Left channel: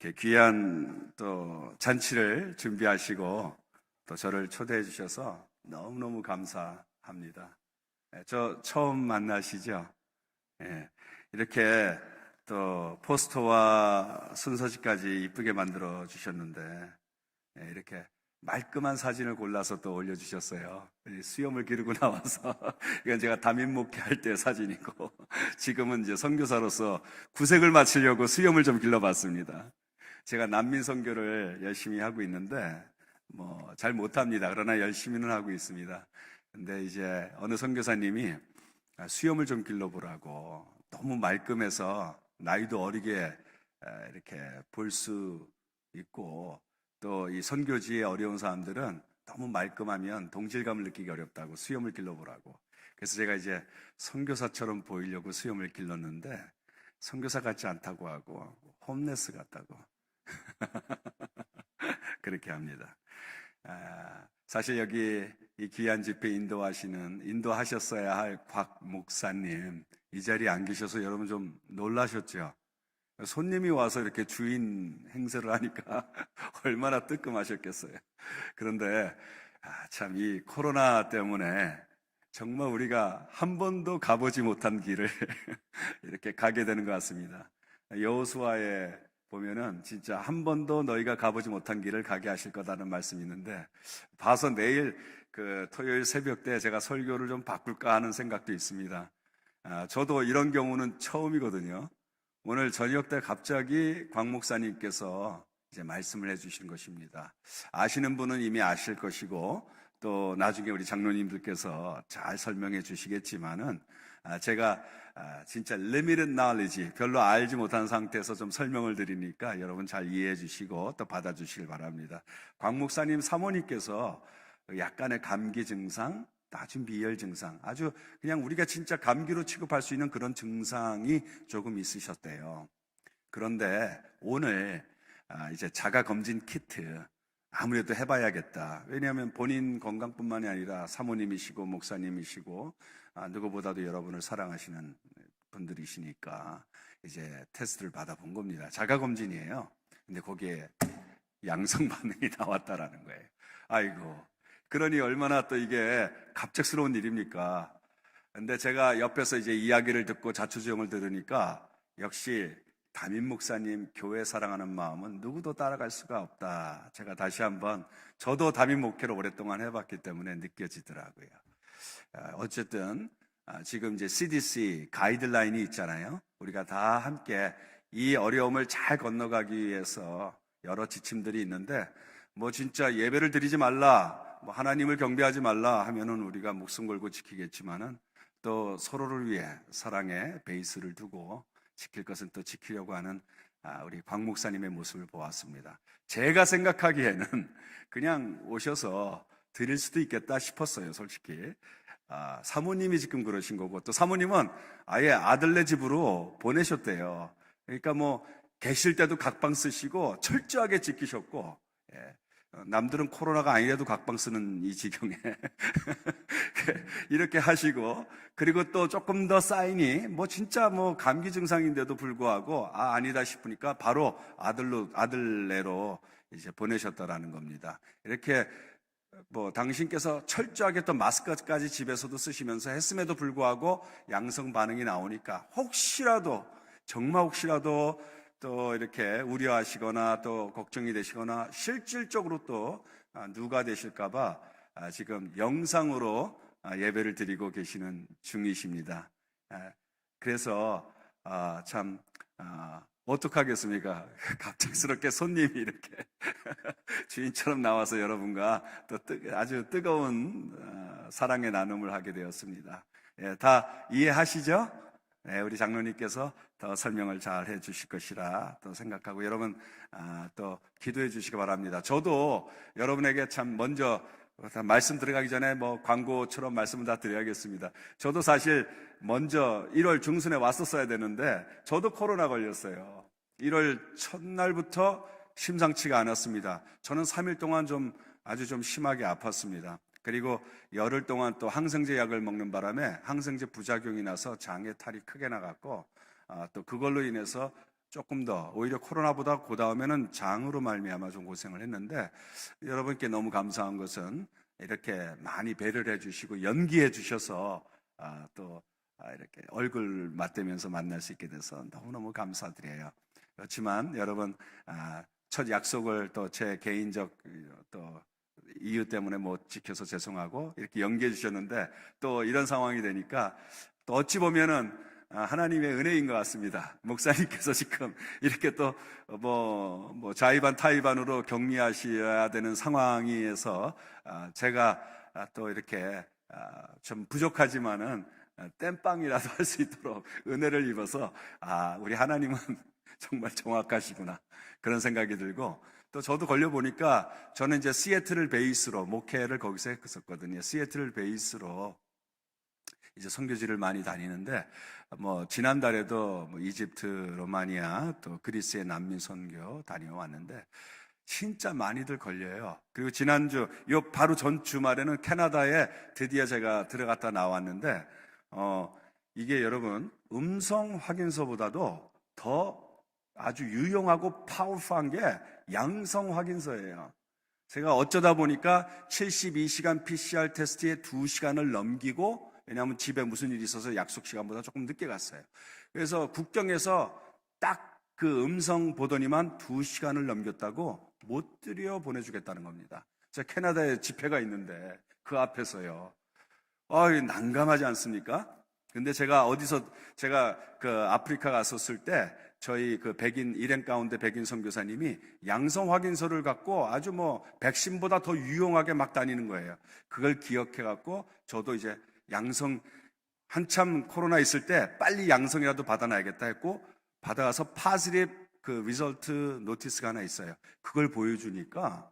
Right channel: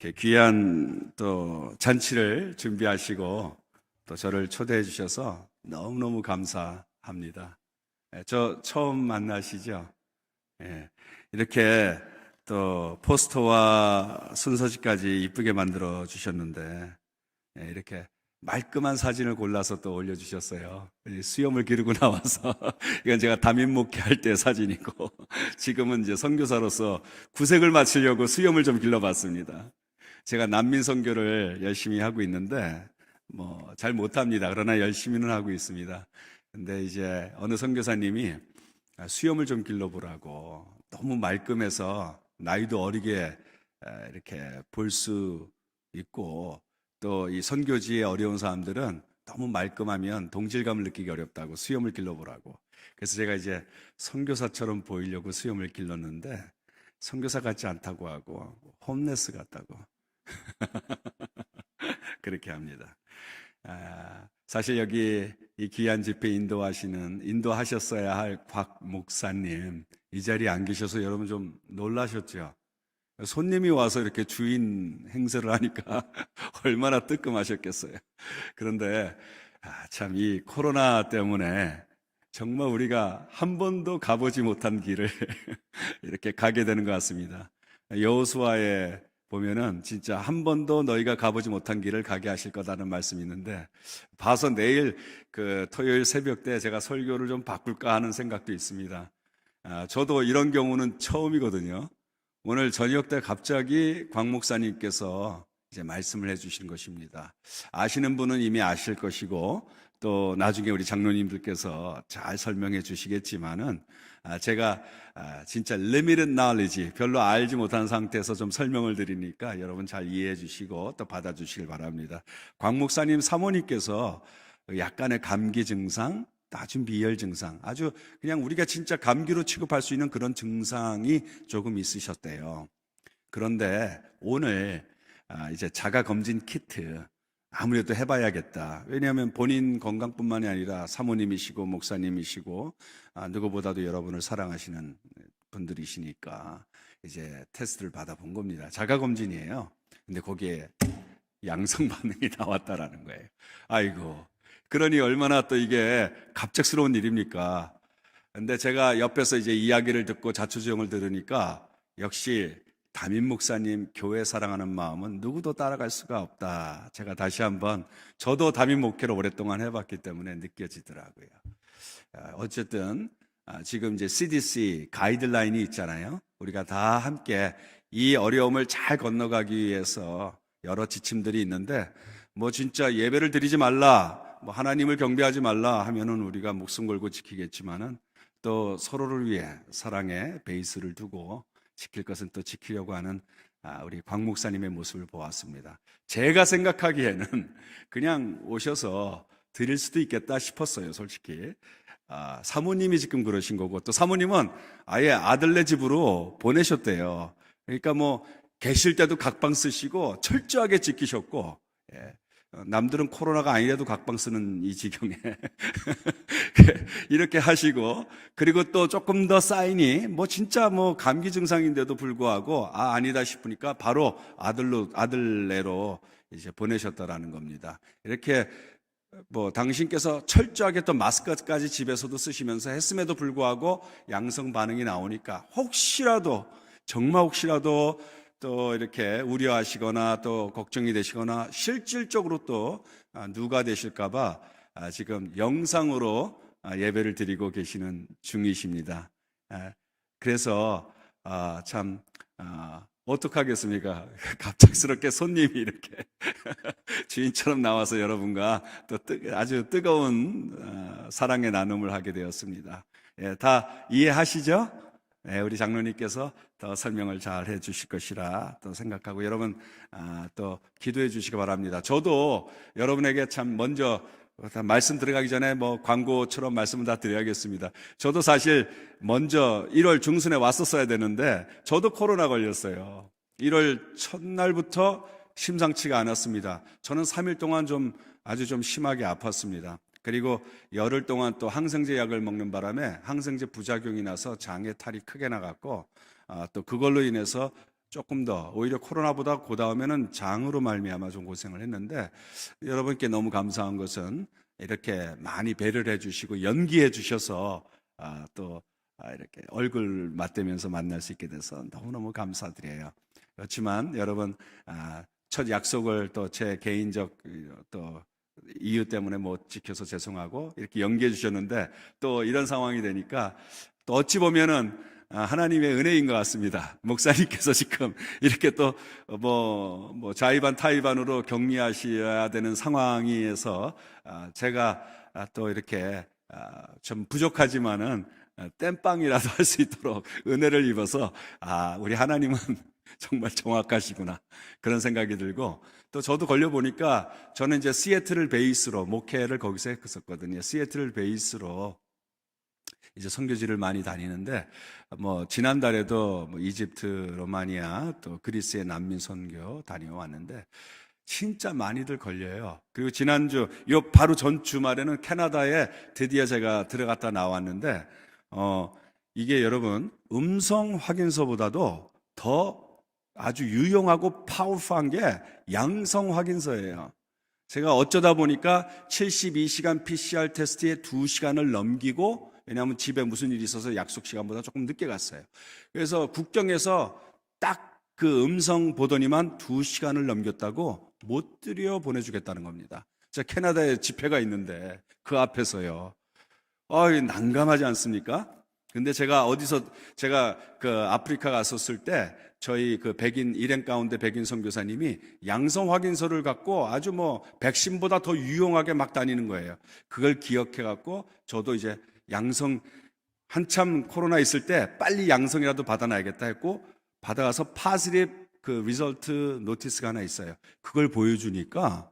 이렇게 귀한 또 잔치를 준비하시고 또 저를 초대해 주셔서 너무너무 감사합니다. 저 처음 만나시죠? 예, 이렇게 또 포스터와 순서지까지 이쁘게 만들어 주셨는데 이렇게 말끔한 사진을 골라서 또 올려주셨어요. 수염을 기르고 나와서 이건 제가 담임 목회할 때 사진이고 지금은 이제 선교사로서 구색을 맞추려고 수염을 좀 길러봤습니다. 제가 난민 선교를 열심히 하고 있는데 뭐 잘 못합니다. 그러나 열심히는 하고 있습니다. 근데 이제 어느 선교사님이 수염을 좀 길러보라고, 너무 말끔해서 나이도 어리게 이렇게 볼 수 있고, 또 이 선교지에 어려운 사람들은 너무 말끔하면 동질감을 느끼기 어렵다고 수염을 길러보라고. 그래서 제가 이제 선교사처럼 보이려고 수염을 길렀는데 선교사 같지 않다고 하고 홈레스 같다고 그렇게 합니다. 사실 여기 이 귀한 집회 인도하셨어야 할 곽 목사님 이 자리에 안 계셔서 여러분 좀 놀라셨죠? 손님이 와서 이렇게 주인 행세를 하니까 얼마나 뜨끔하셨겠어요. 그런데 참 이 코로나 때문에 정말 우리가 한 번도 가보지 못한 길을 이렇게 가게 되는 것 같습니다. 여호수아에 보면은 진짜 한 번도 너희가 가보지 못한 길을 가게 하실 거다는 말씀이 있는데, 봐서 내일 그 토요일 새벽 때 제가 설교를 좀 바꿀까 하는 생각도 있습니다. 저도 이런 경우는 처음이거든요. 오늘 저녁 때 갑자기 곽 목사님께서 이제 말씀을 해주신 것입니다. 아시는 분은 이미 아실 것이고 또 나중에 우리 장로님들께서 잘 설명해 주시겠지만은 제가 진짜 limited knowledge, 별로 알지 못한 상태에서 좀 설명을 드리니까 여러분 잘 이해해 주시고 또 받아주시길 바랍니다. 곽 목사님 사모님께서 약간의 감기 증상, 아주 비열 증상, 아주 그냥 우리가 진짜 감기로 취급할 수 있는 그런 증상이 조금 있으셨대요. 그런데 오늘 이제 자가검진 키트 아무래도 해봐야겠다. 왜냐하면 본인 건강뿐만이 아니라 사모님이시고 목사님이시고 누구보다도 여러분을 사랑하시는 분들이시니까 이제 테스트를 받아본 겁니다. 자가검진이에요. 근데 거기에 양성 반응이 나왔다라는 거예요. 아이고, 그러니 얼마나 또 이게 갑작스러운 일입니까? 근데 제가 옆에서 이제 이야기를 듣고 자초지종을 들으니까 역시 담임 목사님 교회 사랑하는 마음은 누구도 따라갈 수가 없다. 제가 다시 한번, 저도 담임 목회를 오랫동안 해봤기 때문에 느껴지더라고요. 어쨌든 지금 이제 CDC 가이드라인이 있잖아요. 우리가 다 함께 이 어려움을 잘 건너가기 위해서 여러 지침들이 있는데, 뭐 진짜 예배를 드리지 말라, 뭐 하나님을 경배하지 말라 하면은 우리가 목숨 걸고 지키겠지만은 또 서로를 위해 사랑의 베이스를 두고 지킬 것은 또 지키려고 하는 우리 곽 목사님의 모습을 보았습니다. 제가 생각하기에는 그냥 오셔서 드릴 수도 있겠다 싶었어요, 솔직히. 사모님이 지금 그러신 거고, 또 사모님은 아예 아들네 집으로 보내셨대요. 그러니까 뭐 계실 때도 각방 쓰시고 철저하게 지키셨고, 남들은 코로나가 아니라도 각방 쓰는 이 지경에 이렇게 하시고, 그리고 또 조금 더 사인이 뭐 진짜 뭐 감기 증상인데도 불구하고 아니다 싶으니까 바로 아들네로 이제 보내셨다라는 겁니다. 이렇게 뭐 당신께서 철저하게 또 마스크까지 집에서도 쓰시면서 했음에도 불구하고 양성 반응이 나오니까 혹시라도, 정말 혹시라도 또 이렇게 우려하시거나 또 걱정이 되시거나 실질적으로 또 누가 되실까봐 지금 영상으로 예배를 드리고 계시는 중이십니다. 그래서 참 어떡하겠습니까? 갑작스럽게 손님이 이렇게 주인처럼 나와서 여러분과 또 아주 뜨거운 사랑의 나눔을 하게 되었습니다. 다 이해하시죠? 우리 장로님께서 더 설명을 잘 해주실 것이라 또 생각하고, 여러분 또 기도해 주시기 바랍니다. 저도 여러분에게 참 먼저 말씀 들어가기 전에 뭐 광고처럼 말씀을 다 드려야겠습니다. 저도 사실 먼저 1월 중순에 왔었어야 되는데 저도 코로나 걸렸어요. 1월 첫날부터 심상치가 않았습니다. 저는 3일 동안 아주 좀 심하게 아팠습니다. 그리고 열흘 동안 또 항생제 약을 먹는 바람에 항생제 부작용이 나서 장에 탈이 크게 나갔고, 또 그걸로 인해서 조금 더 오히려 코로나보다 그 다음에는 장으로 말미암아 좀 고생을 했는데 여러분께 너무 감사한 것은 이렇게 많이 배려를 해주시고 연기해 주셔서 또 이렇게 얼굴 맞대면서 만날 수 있게 돼서 너무너무 감사드려요. 그렇지만 여러분 첫 약속을 또 제 개인적 또 이유 때문에 못 지켜서 죄송하고 이렇게 연기해 주셨는데 또 이런 상황이 되니까 또 어찌 보면은 하나님의 은혜인 것 같습니다. 목사님께서 지금 이렇게 또 뭐 자의반 타의반으로 격리하셔야 되는 상황에서 제가 또 이렇게 좀 부족하지만은 땜빵이라도 할 수 있도록 은혜를 입어서 우리 하나님은 정말 정확하시구나 그런 생각이 들고 또 저도 걸려보니까 저는 이제 시애틀을 베이스로 목회를 거기서 했었거든요. 시애틀을 베이스로 이제 선교지를 많이 다니는데 뭐 지난달에도 뭐 이집트, 로마니아 또 그리스의 난민 선교 다녀왔는데 진짜 많이들 걸려요. 그리고 지난주 요 바로 전 주말에는 캐나다에 드디어 제가 들어갔다 나왔는데 이게 여러분 음성 확인서보다도 더 아주 유용하고 파워풀한 게 양성 확인서예요. 제가 어쩌다 보니까 72시간 PCR 테스트에 2시간을 넘기고 왜냐하면 집에 무슨 일이 있어서 약속 시간보다 조금 늦게 갔어요. 그래서 국경에서 딱 그 음성 보더니만 2시간을 넘겼다고 못 들여 보내주겠다는 겁니다. 제가 캐나다에 집회가 있는데 그 앞에서요. 난감하지 않습니까? 근데 제가 그 아프리카 갔었을 때 저희 그 일행 가운데 백인 선교사님이 양성 확인서를 갖고 아주 뭐 백신보다 더 유용하게 막 다니는 거예요. 그걸 기억해 갖고 저도 이제 양성 한참 코로나 있을 때 빨리 양성이라도 받아놔야겠다 했고 받아가서 파슬립 그 리설트 노티스가 하나 있어요. 그걸 보여주니까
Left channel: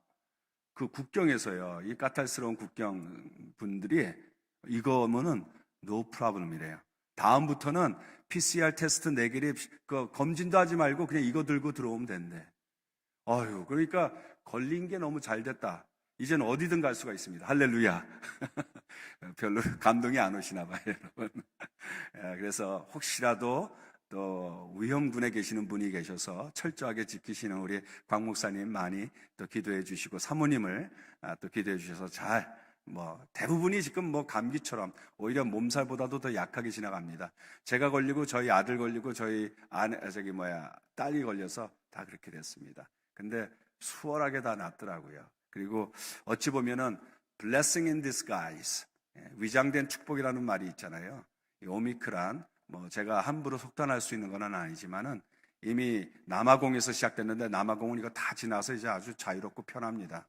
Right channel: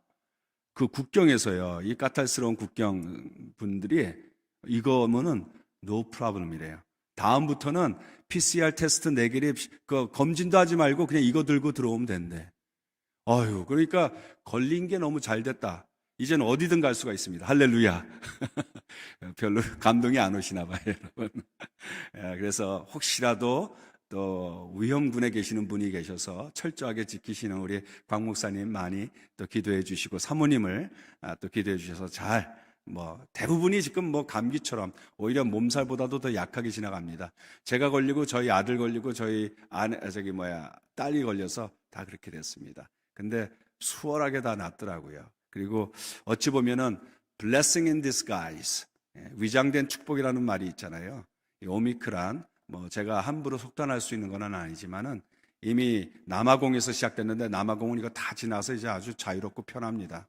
그 국경에서요. 이 까탈스러운 국경 분들이 이거면은 no problem이래요. 다음부터는 PCR 테스트 네게립 그 검진도 하지 말고 그냥 이거 들고 들어오면 된대. 그러니까 걸린 게 너무 잘 됐다. 이제는 어디든 갈 수가 있습니다. 할렐루야. 별로 감동이 안 오시나 봐요, 여러분. 그래서 혹시라도 또 위험군에 계시는 분이 계셔서 철저하게 지키시는 우리 곽 목사님 많이 또 기도해 주시고 사모님을 또 기도해 주셔서 대부분이 지금 감기처럼 오히려 몸살보다도 더 약하게 지나갑니다. 제가 걸리고 저희 아들 걸리고 저희 딸이 걸려서 다 그렇게 됐습니다. 근데 수월하게 다 낫더라고요. 그리고 어찌 보면은 blessing in disguise, 위장된 축복이라는 말이 있잖아요. 이 오미크란 제가 함부로 속단할 수 있는 건 아니지만은 이미 남아공에서 시작됐는데 남아공은 이거 다 지나서 이제 아주 자유롭고 편합니다.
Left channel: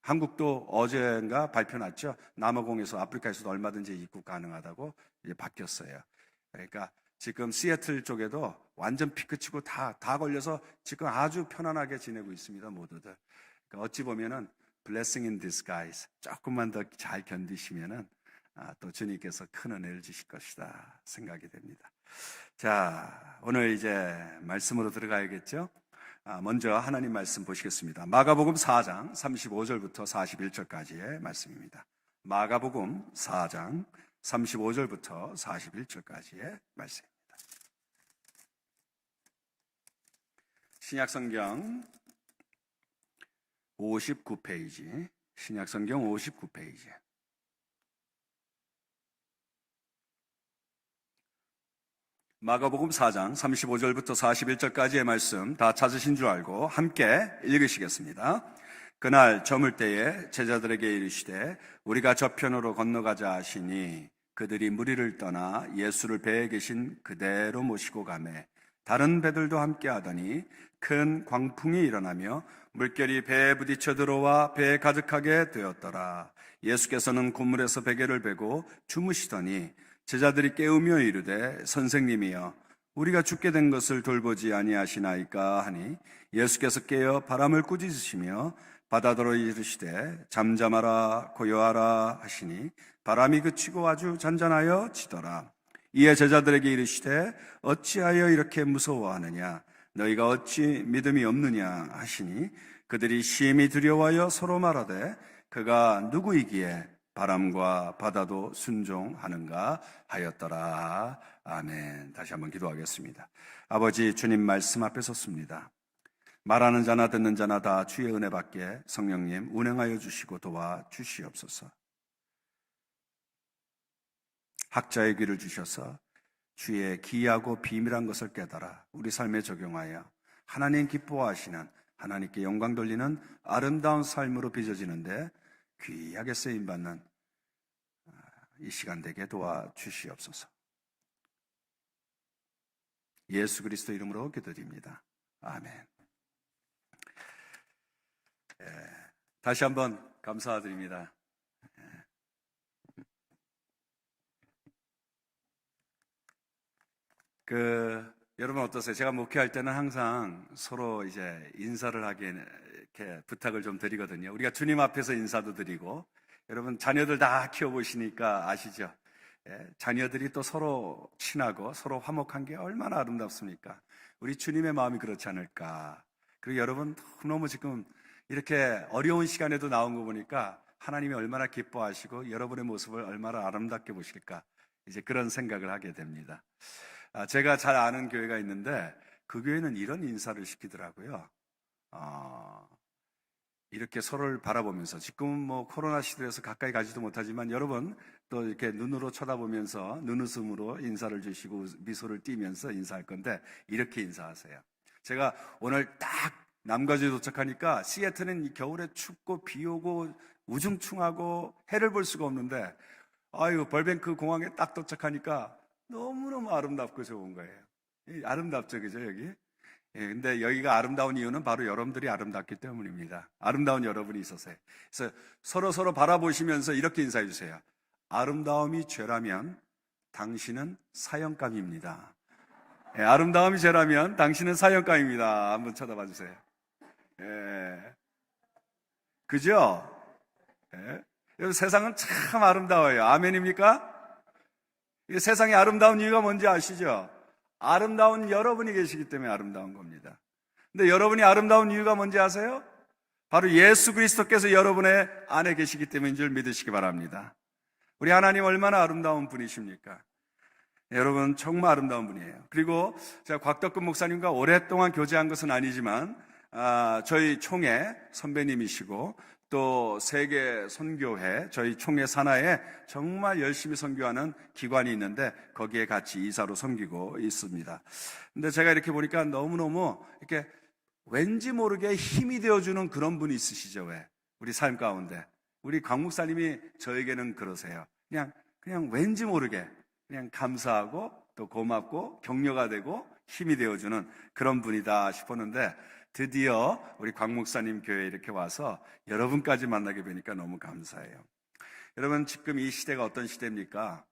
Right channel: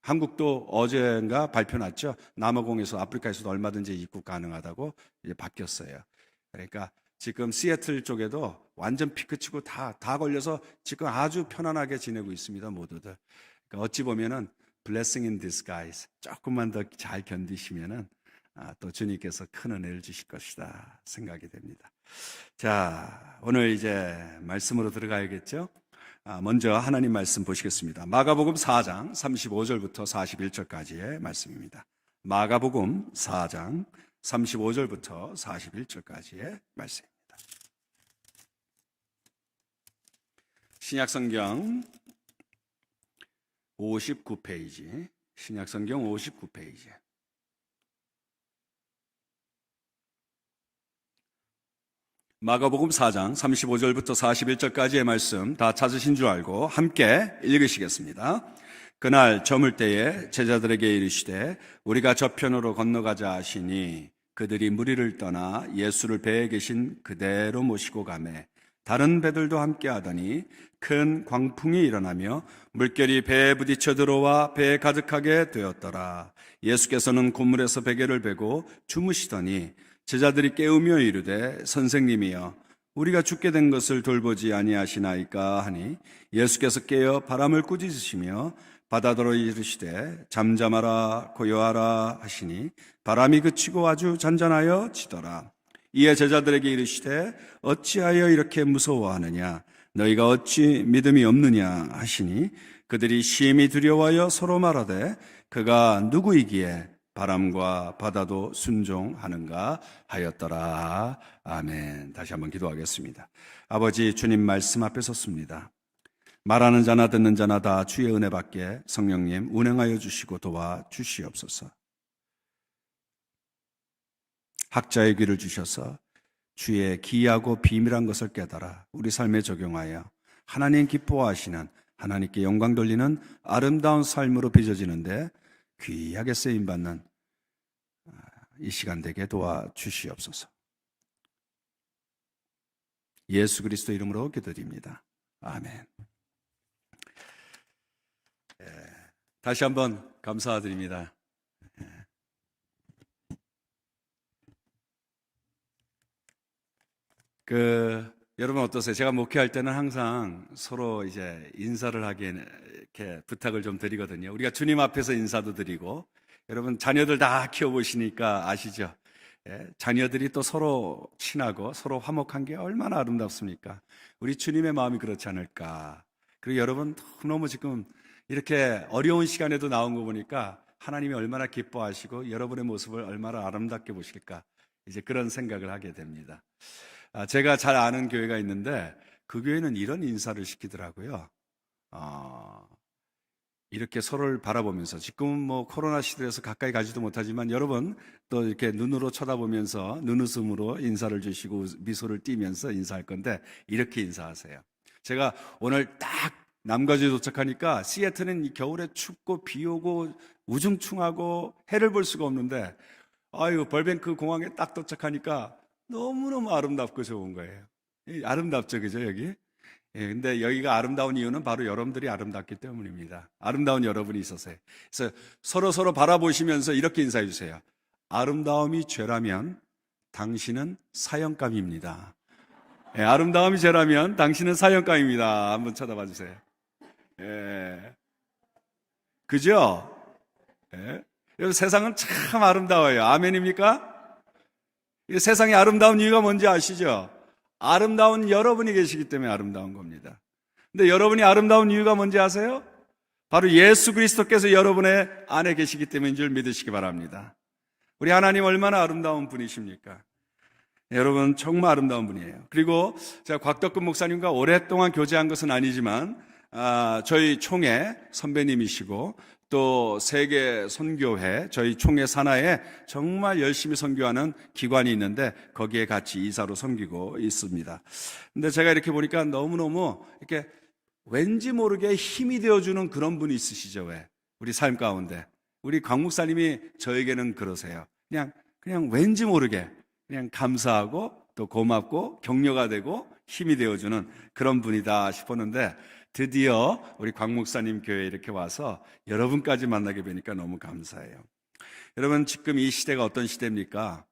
한국도 어젠가 발표 났죠. 남아공에서 아프리카에서도 얼마든지 입국 가능하다고 이제 바뀌었어요. 그러니까 지금 시애틀 쪽에도 완전 피크치고 다 걸려서 지금 아주 편안하게 지내고 있습니다, 모두들. 그러니까 어찌 보면은 blessing in disguise 조금만 더 잘 견디시면은 또 주님께서 큰 은혜를 주실 것이다 생각이 됩니다. 자, 오늘 이제 말씀으로 들어가야겠죠. 먼저 하나님 말씀 보시겠습니다. 마가복음 4장 35절부터 41절까지의 말씀입니다. 마가복음 4장 35절부터 41절까지의 말씀입니다. 신약성경 59페이지, 신약성경 59페이지. 마가복음 4장 35절부터 41절까지의 말씀 다 찾으신 줄 알고 함께 읽으시겠습니다. 그날 저물 때에 제자들에게 이르시되 우리가 저편으로 건너가자 하시니 그들이 무리를 떠나 예수를 배에 계신 그대로 모시고 가매 다른 배들도 함께 하더니 큰 광풍이 일어나며 물결이 배에 부딪혀 들어와 배에 가득하게 되었더라. 예수께서는 고물에서 베개를 베고 주무시더니 제자들이 깨우며 이르되 선생님이여 우리가 죽게 된 것을 돌보지 아니하시나이까 하니 예수께서 깨어 바람을 꾸짖으시며 바다더러 이르시되 잠잠하라 고요하라 하시니 바람이 그치고 아주 잔잔하여 지더라. 이에 제자들에게 이르시되 어찌하여 이렇게 무서워하느냐 너희가 어찌 믿음이 없느냐 하시니 그들이 심히 두려워하여 서로 말하되 그가 누구이기에 바람과 바다도 순종하는가 하였더라. 아멘. 다시 한번 기도하겠습니다. 아버지, 주님 말씀 앞에 섰습니다. 말하는 자나 듣는 자나 다 주의 은혜 받게 성령님 운행하여 주시고 도와 주시옵소서. 학자의 귀를 주셔서 주의 기이하고 비밀한 것을 깨달아 우리 삶에 적용하여 하나님 기뻐하시는, 하나님께 영광 돌리는 아름다운 삶으로 빚어지는데 귀하게 쓰임받는 이 시간 되게 도와주시옵소서. 예수 그리스도 이름으로 기도드립니다. 아멘. 다시 한번 감사드립니다. 여러분 어떠세요? 제가 목회할 때는 항상 서로 이제 인사를 하게 이렇게 부탁을 좀 드리거든요. 우리가 주님 앞에서 인사도 드리고, 여러분 자녀들 다 키워보시니까 아시죠? 자녀들이 또 서로 친하고 서로 화목한 게 얼마나 아름답습니까? 우리 주님의 마음이 그렇지 않을까? 그리고 여러분 너무 지금 이렇게 어려운 시간에도 나온 거 보니까 하나님이 얼마나 기뻐하시고 여러분의 모습을 얼마나 아름답게 보실까? 이제 그런 생각을 하게 됩니다. 제가 잘 아는 교회가 있는데 그 교회는 이런 인사를 시키더라고요. 이렇게 서로를 바라보면서, 지금은 뭐 코로나 시대에서 가까이 가지도 못하지만 여러분 또 이렇게 눈으로 쳐다보면서 눈웃음으로 인사를 주시고 미소를 띠면서 인사할 건데 이렇게 인사하세요. 제가 오늘 딱 남가주에 도착하니까 시애틀은 겨울에 춥고 비 오고 우중충하고 해를 볼 수가 없는데 벌뱅크 공항에 딱 도착하니까 너무너무 아름답고 좋은 거예요. 아름답죠, 그죠, 여기? 근데 여기가 아름다운 이유는 바로 여러분들이 아름답기 때문입니다. 아름다운 여러분이 있어서요. 그래서 서로 바라보시면서 이렇게 인사해 주세요. 아름다움이 죄라면 당신은 사형감입니다. 아름다움이 죄라면 당신은 사형감입니다. 한번 쳐다봐 주세요. 그죠? 여러분 세상은 참 아름다워요. 아멘입니까? 세상이 아름다운 이유가 뭔지 아시죠? 아름다운 여러분이 계시기 때문에 아름다운 겁니다. 근데 여러분이 아름다운 이유가 뭔지 아세요? 바로 예수 그리스도께서 여러분의 안에 계시기 때문인 줄 믿으시기 바랍니다. 우리 하나님 얼마나 아름다운 분이십니까? 여러분 정말 아름다운 분이에요. 그리고 제가 곽덕근 목사님과 오랫동안 교제한 것은 아니지만 저희 총회 선배님이시고 또 세계 선교회, 저희 총회 산하에 정말 열심히 선교하는 기관이 있는데 거기에 같이 이사로 섬기고 있습니다. 근데 제가 이렇게 보니까 너무너무 이렇게 왠지 모르게 힘이 되어주는 그런 분이 있으시죠. 왜? 우리 삶 가운데. 우리 곽 목사님이 저에게는 그러세요. 그냥 왠지 모르게 그냥 감사하고 또 고맙고 격려가 되고 힘이 되어주는 그런 분이다 싶었는데 드디어 우리 곽 목사님 교회에 이렇게 와서 여러분까지 만나게 되니까 너무 감사해요. 여러분 지금 이 시대가 어떤 시대입니까?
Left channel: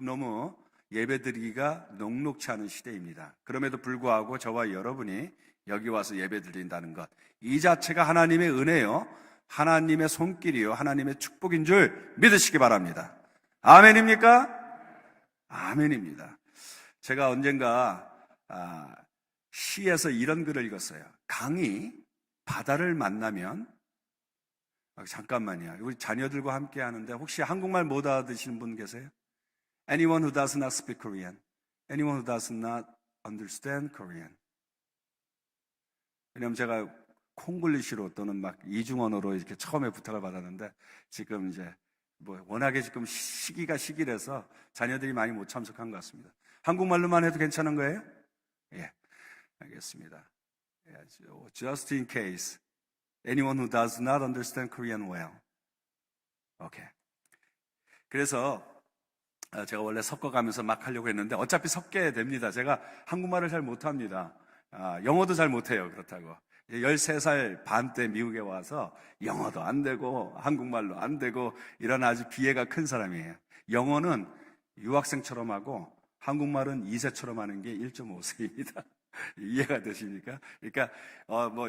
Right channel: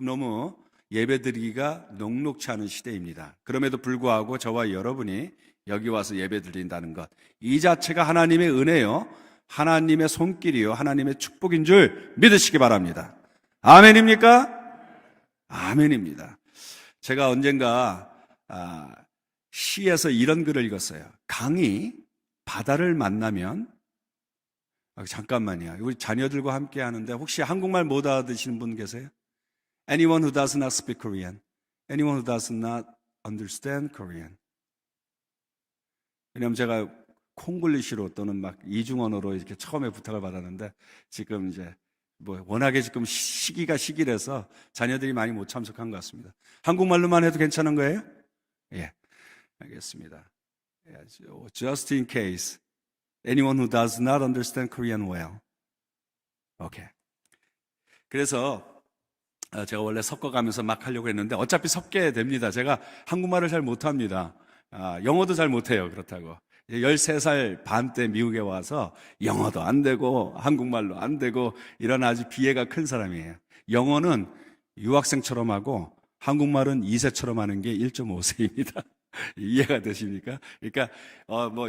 너무 예배드리기가 녹록치 않은 시대입니다. 그럼에도 불구하고 저와 여러분이 여기 와서 예배드린다는 것, 이 자체가 하나님의 은혜요, 하나님의 손길이요, 하나님의 축복인 줄 믿으시기 바랍니다. 아멘입니까? 아멘입니다. 제가 언젠가 시에서 이런 글을 읽었어요. 강이 바다를 만나면, 잠깐만요. 우리 자녀들과 함께 하는데 혹시 한국말 못 알아듣시는 분 계세요? Anyone who does not speak Korean. Anyone who does not understand Korean. 왜냐하면 제가 콩글리시로 또는 막 이중언어로 이렇게 처음에 부탁을 받았는데 지금 이제 워낙에 지금 시기라서 자녀들이 많이 못 참석한 것 같습니다. 한국말로만 해도 괜찮은 거예요? 예. 알겠습니다. Just in case anyone who does not understand Korean well. Okay. 그래서 제가 원래 섞어가면서 막 하려고 했는데 어차피 섞여야 됩니다. 제가 한국말을 잘 못합니다. 영어도 잘 못해요. 그렇다고 13살 반 때 미국에 와서 영어도 안 되고 한국말로 안 되고 이런 아주 비애가 큰 사람이에요. 영어는 유학생처럼 하고 한국말은 2세처럼 하는 게 1.5세입니다. 이해가 되십니까? 그러니까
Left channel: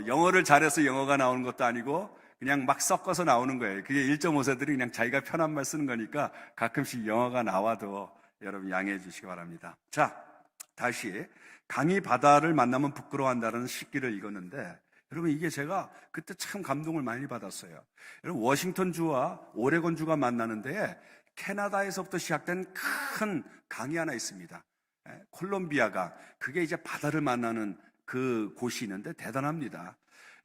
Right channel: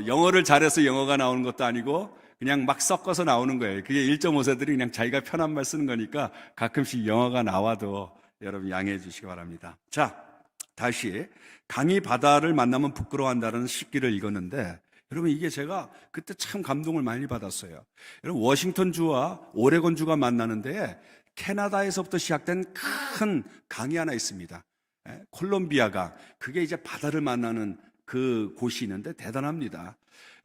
영어를 잘해서 영어가 나오는 것도 아니고 그냥 막 섞어서 나오는 거예요. 그게 1.5세들이 그냥 자기가 편한 말 쓰는 거니까 가끔씩 영어가 나와도 여러분 양해해 주시기 바랍니다. 자, 다시 강이 바다를 만나면 부끄러워한다는 시기를 읽었는데 여러분, 이게 제가 그때 참 감동을 많이 받았어요. 여러분, 워싱턴주와 오레곤주가 만나는데 캐나다에서부터 시작된 큰 강이 하나 있습니다. 콜롬비아강. 그게 이제 바다를 만나는 그 곳이 있는데 대단합니다.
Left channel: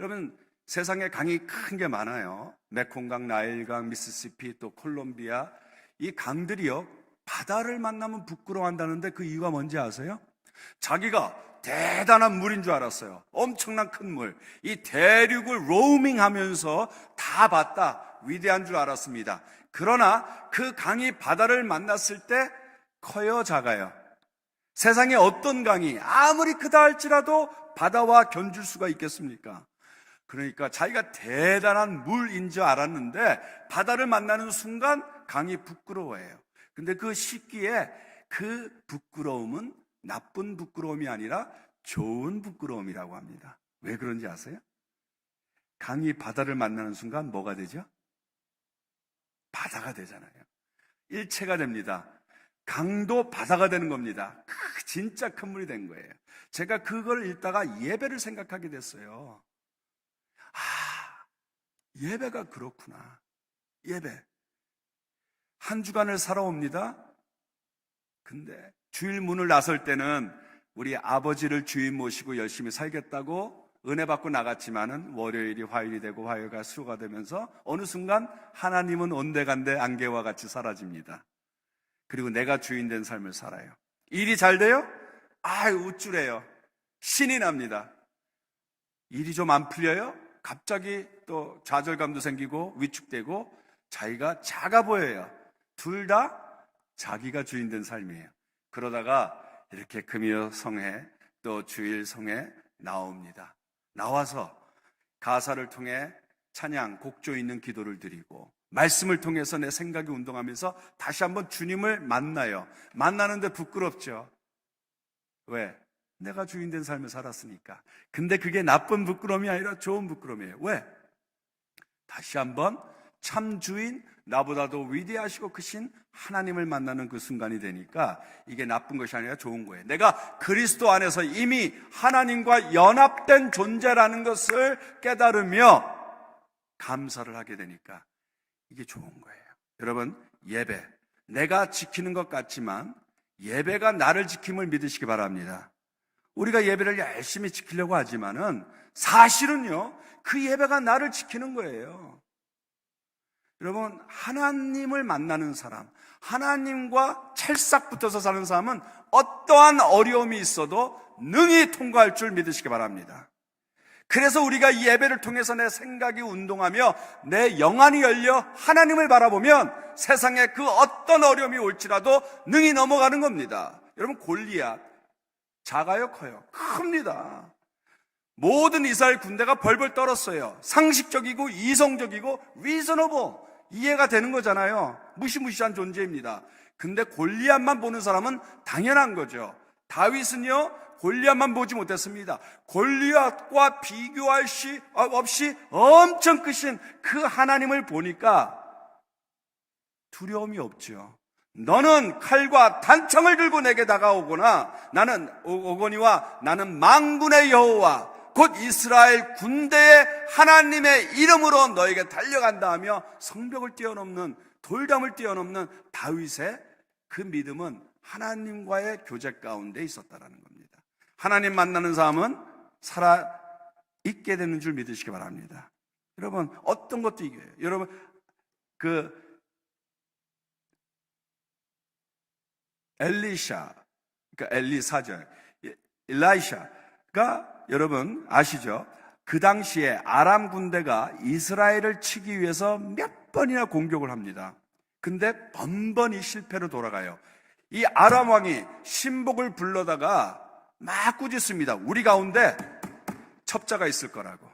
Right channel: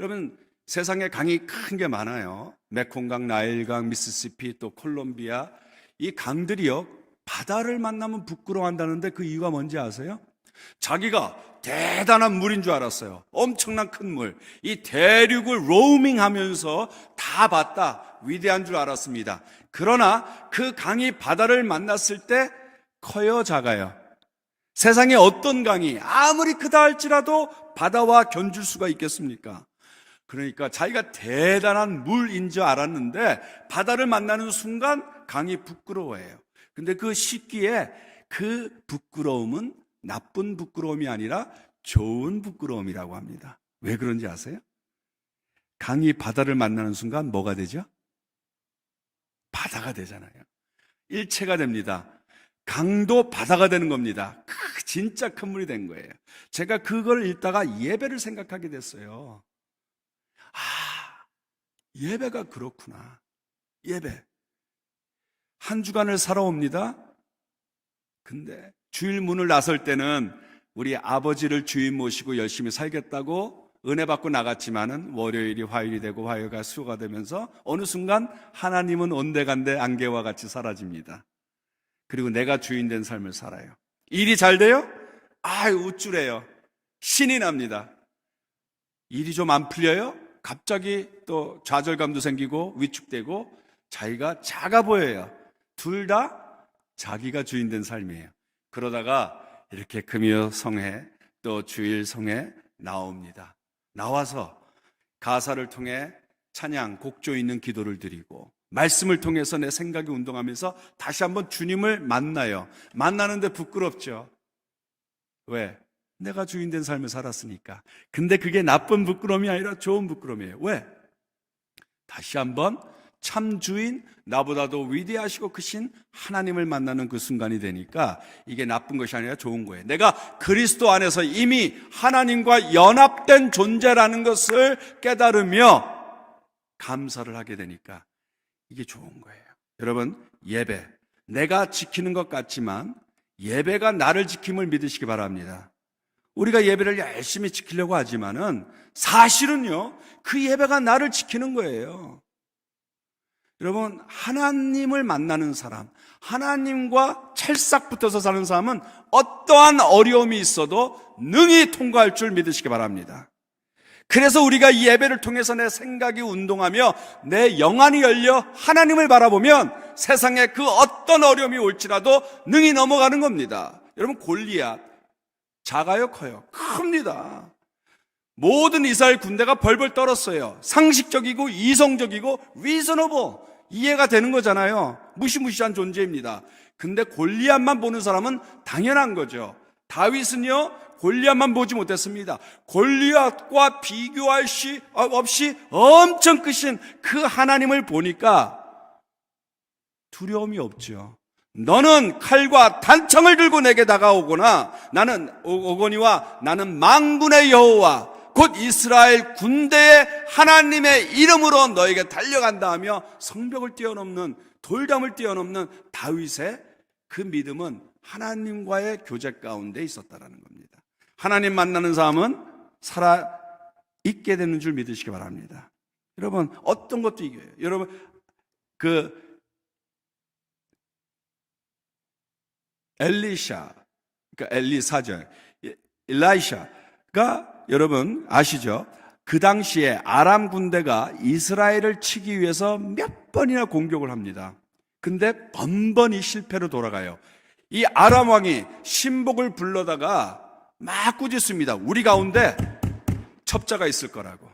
여러분, 세상에 강이 큰 게 많아요. 메콩강, 나일강, 미시시피, 또 콜롬비아. 이 강들이요, 바다를 만나면 부끄러워한다는데 그 이유가 뭔지 아세요? 자기가 대단한 물인 줄 알았어요. 엄청난 큰 물. 이 대륙을 로밍하면서 다 봤다. 위대한 줄 알았습니다. 그러나 그 강이 바다를 만났을 때 커요, 작아요? 세상에 어떤 강이 아무리 크다 할지라도 바다와 견줄 수가 있겠습니까? 그러니까 자기가 대단한 물인 줄 알았는데 바다를 만나는 순간 강이 부끄러워해요. 근데 그 시기에 그 부끄러움은 나쁜 부끄러움이 아니라 좋은 부끄러움이라고 합니다. 왜 그런지 아세요? 강이 바다를 만나는 순간 뭐가 되죠? 바다가 되잖아요. 일체가 됩니다. 강도 바다가 되는 겁니다. 진짜 큰 물이 된 거예요. 제가 그걸 읽다가 예배를 생각하게 됐어요. 예배가 그렇구나. 예배. 한 주간을 살아옵니다. 근데 주일 문을 나설 때는 우리 아버지를 주인 모시고 열심히 살겠다고 은혜 받고 나갔지만은 월요일이 화요일이 되고 화요일가 수요가 되면서 어느 순간 하나님은 온데간데 안개와 같이 사라집니다. 그리고 내가 주인 된 삶을 살아요. 일이 잘 돼요? 우쭐해요. 신이 납니다. 일이 좀 안 풀려요? 갑자기 또 좌절감도 생기고 위축되고 자기가 작아 보여요. 둘 다 자기가 주인 된 삶이에요. 그러다가 이렇게 금요 성회 또 주일 성회 나옵니다. 나와서 가사를 통해 찬양, 곡조 있는 기도를 드리고 말씀을 통해서 내 생각이 운동하면서 다시 한번 주님을 만나요. 만나는데 부끄럽죠. 왜? 내가 주인 된 삶을 살았으니까. 근데 그게 나쁜 부끄러움이 아니라 좋은 부끄러움이에요. 왜? 다시 한번 참 주인, 나보다도 위대하시고 크신 하나님을 만나는 그 순간이 되니까 이게 나쁜 것이 아니라 좋은 거예요. 내가 그리스도 안에서 이미 하나님과 연합된 존재라는 것을 깨달으며 감사를 하게 되니까 이게 좋은 거예요. 여러분, 예배, 내가 지키는 것 같지만 예배가 나를 지킴을 믿으시기 바랍니다. 우리가 예배를 열심히 지키려고 하지만은 사실은요, 그 예배가 나를 지키는 거예요. 여러분, 하나님을 만나는 사람, 하나님과 찰싹 붙어서 사는 사람은 어떠한 어려움이 있어도 능히 통과할 줄 믿으시기 바랍니다. 그래서 우리가 이 예배를 통해서 내 생각이 운동하며 내 영안이 열려 하나님을 바라보면 세상에 그 어떤 어려움이 올지라도 능히 넘어가는 겁니다. 여러분, 골리앗 작아요, 커요? 큽니다. 모든 이스라엘 군대가 벌벌 떨었어요. 상식적이고 이성적이고 리저너블, 이해가 되는 거잖아요. 무시무시한 존재입니다. 근데 골리앗만 보는 사람은 당연한 거죠. 다윗은요, 골리앗만 보지 못했습니다. 골리앗과 비교할 수 없이 엄청 크신 그 하나님을 보니까 두려움이 없죠. 너는 칼과 단창을 들고 내게 다가오거나 오거니와 나는 만군의 여호와 곧 이스라엘 군대의 하나님의 이름으로 너에게 달려간다 하며 성벽을 뛰어넘는, 돌담을 뛰어넘는 다윗의 그 믿음은 하나님과의 교제 가운데 있었다라는 겁니다. 하나님 만나는 사람은 살아있게 되는 줄 믿으시기 바랍니다. 여러분, 어떤 것도 이겨요. 여러분, 엘리샤, 그러니까 엘리사절, 일라이샤가 여러분 아시죠? 그 당시에 아람 군대가 이스라엘을 치기 위해서 몇 번이나 공격을 합니다. 근데 번번이 실패로 돌아가요. 이 아람 왕이 신복을 불러다가 막 꾸짖습니다. 우리 가운데 첩자가 있을 거라고.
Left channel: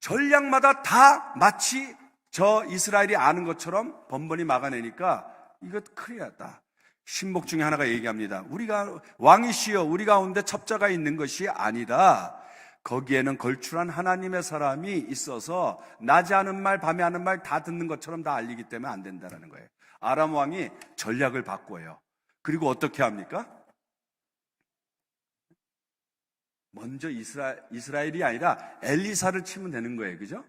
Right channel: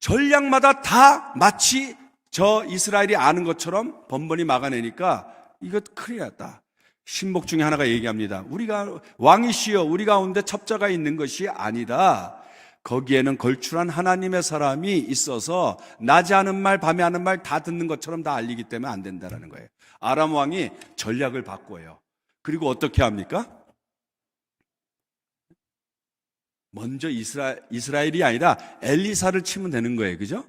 전략마다 다 마치 저 이스라엘이 아는 것처럼 번번이 막아내니까 이거 큰일 났다. 신복 중에 하나가 얘기합니다. 우리가 왕이시여, 우리 가운데 첩자가 있는 것이 아니다. 거기에는 걸출한 하나님의 사람이 있어서 낮에 하는 말 밤에 하는 말 다 듣는 것처럼 다 알리기 때문에 안 된다는 거예요. 아람 왕이 전략을 바꿔요. 그리고 어떻게 합니까? 먼저 이스라엘이 아니라 엘리사를 치면 되는 거예요. 그죠?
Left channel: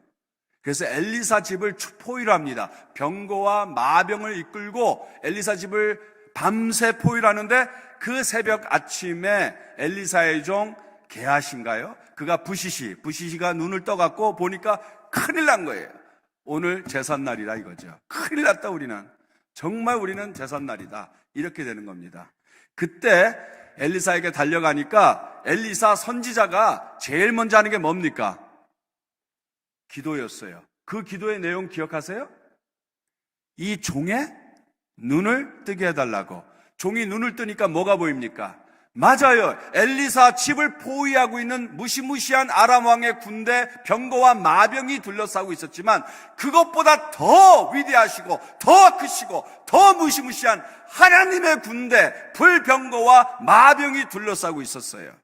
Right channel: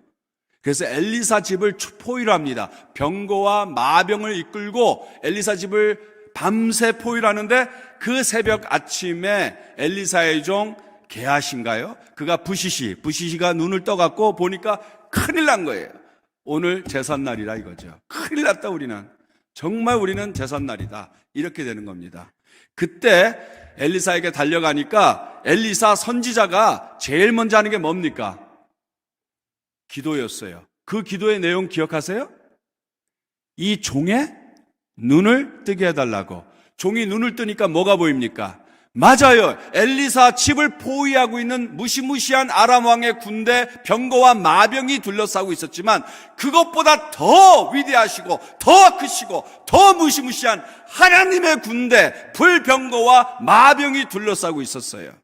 그래서 엘리사 집을 포위를 합니다. 병거와 마병을 이끌고 엘리사 집을 밤새 포위를 하는데 그 새벽 아침에 엘리사의 종 게하시인가요? 그가 부시시가 눈을 떠갖고 보니까 큰일 난 거예요. 오늘 제삿날이라 이거죠. 큰일 났다 우리는. 정말 우리는 제삿날이다. 이렇게 되는 겁니다. 그때 엘리사에게 달려가니까 엘리사 선지자가 제일 먼저 하는 게 뭡니까? 기도였어요. 그 기도의 내용 기억하세요? 이 종의 눈을 뜨게 해달라고. 종이 눈을 뜨니까 뭐가 보입니까? 맞아요. 엘리사 집을 포위하고 있는 무시무시한 아람 왕의 군대 병거와 마병이 둘러싸고 있었지만 그것보다 더 위대하시고 더 크시고 더 무시무시한 하나님의 군대 불병거와 마병이 둘러싸고 있었어요.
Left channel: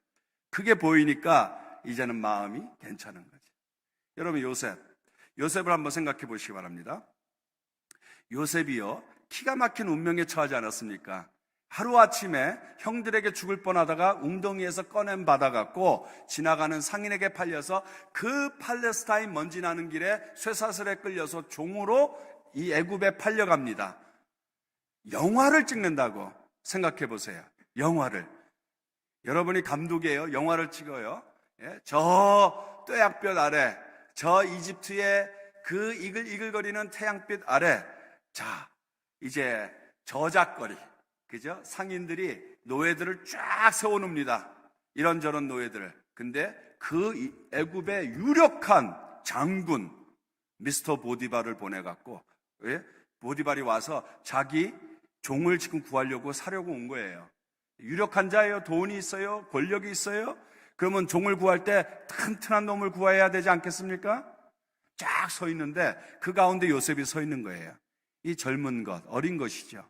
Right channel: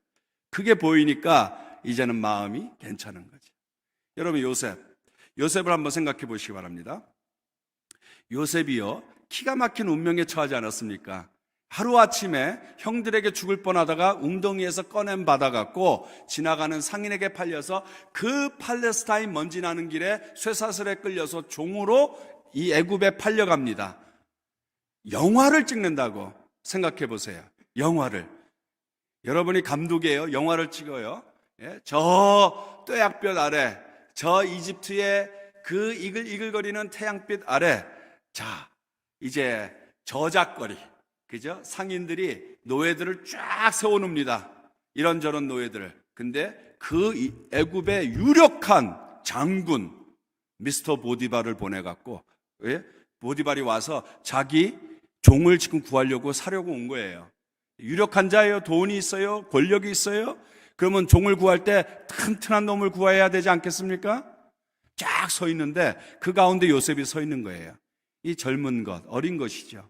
그게 보이니까 이제는 마음이 괜찮은 거지. 여러분 요셉을 한번 생각해 보시기 바랍니다. 요셉이요 기가 막힌 운명에 처하지 않았습니까? 하루아침에 형들에게 죽을 뻔하다가 웅덩이에서 꺼낸 받아갖고 지나가는 상인에게 팔려서 그 팔레스타인 먼지 나는 길에 쇠사슬에 끌려서 종으로 이 애굽에 팔려갑니다. 영화를 찍는다고 생각해 보세요. 영화를. 여러분이 감독이에요. 영화를 찍어요. 저 뙤약볕 아래, 저 이집트의 그 이글이글거리는 태양빛 아래, 자 이제 저작거리, 그죠? 상인들이 노예들을 쫙 세워놓습니다. 이런저런 노예들을. 근데 그 애굽의 유력한 장군 미스터 보디발을 보내갖고, 보디발이 와서 자기 종을 지금 구하려고 사려고 온 거예요. 유력한 자예요. 돈이 있어요. 권력이 있어요. 그러면 종을 구할 때 튼튼한 놈을 구해야 되지 않겠습니까? 쫙 서 있는데 그 가운데 요셉이 서 있는 거예요. 이 젊은 것, 어린 것이죠.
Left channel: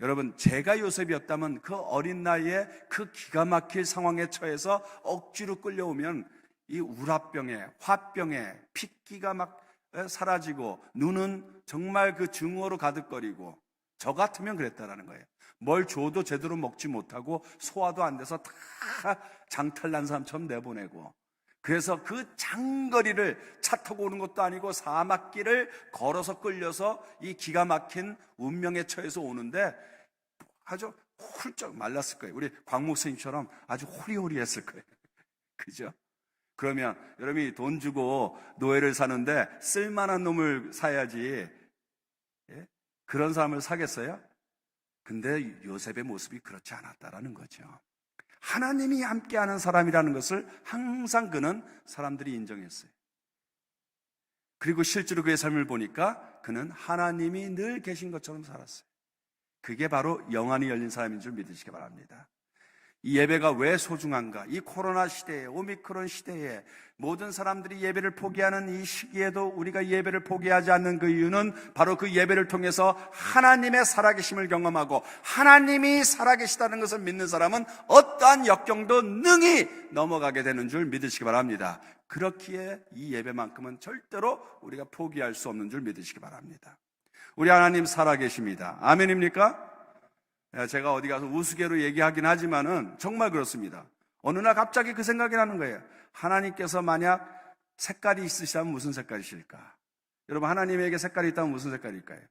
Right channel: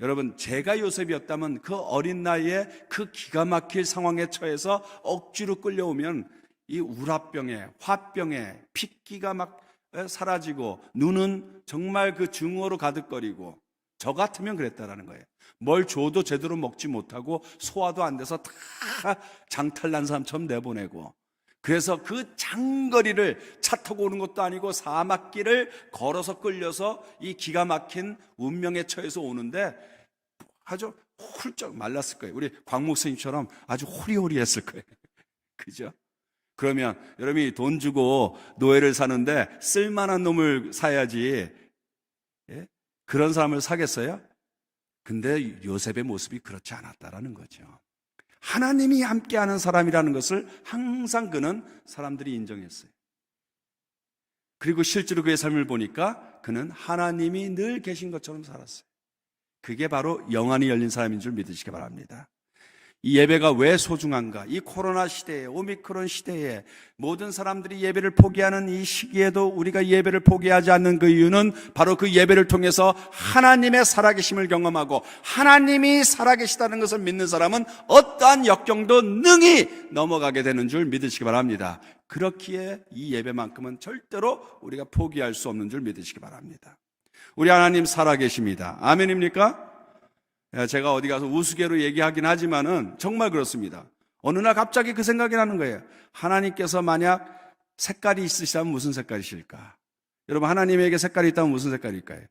여러분, 제가 요셉이었다면 그 어린 나이에 그 기가 막힐 상황에 처해서 억지로 끌려오면 이 우라병에, 화병에 핏기가 막 사라지고 눈은 정말 그 증오로 가득거리고, 저 같으면 그랬다라는 거예요. 뭘 줘도 제대로 먹지 못하고 소화도 안 돼서 다 장탈난 사람처럼 내보내고, 그래서 그 장거리를 차 타고 오는 것도 아니고 사막길을 걸어서 끌려서 이 기가 막힌 운명에 처해서 오는데 아주 훌쩍 말랐을 거예요. 우리 광 목사님처럼 아주 호리호리했을 거예요. 그죠? 그러면 여러분이 돈 주고 노예를 사는데 쓸만한 놈을 사야지, 그런 사람을 사겠어요? 근데 요셉의 모습이 그렇지 않았다라는 거죠. 하나님이 함께하는 사람이라는 것을 항상 그는 사람들이 인정했어요. 그리고 실제로 그의 삶을 보니까 그는 하나님이 늘 계신 것처럼 살았어요. 그게 바로 영안이 열린 사람인 줄 믿으시기 바랍니다. 이 예배가 왜 소중한가? 이 코로나 시대에, 오미크론 시대에 모든 사람들이 예배를 포기하는 이 시기에도 우리가 예배를 포기하지 않는 그 이유는 바로 그 예배를 통해서 하나님의 살아계심을 경험하고 하나님이 살아계시다는 것을 믿는 사람은 어떠한 역경도 능히 넘어가게 되는 줄 믿으시기 바랍니다. 그렇기에 이 예배만큼은 절대로 우리가 포기할 수 없는 줄 믿으시기 바랍니다. 우리 하나님 살아계십니다. 아멘입니까? 제가 어디 가서 우스개로 얘기하긴 하지만은 정말 그렇습니다. 어느 날 갑자기 그 생각이 나는 거예요. 하나님께서 만약 색깔이 있으시다면 무슨 색깔이실까? 여러분, 하나님에게 색깔이 있다면 무슨 색깔일까요?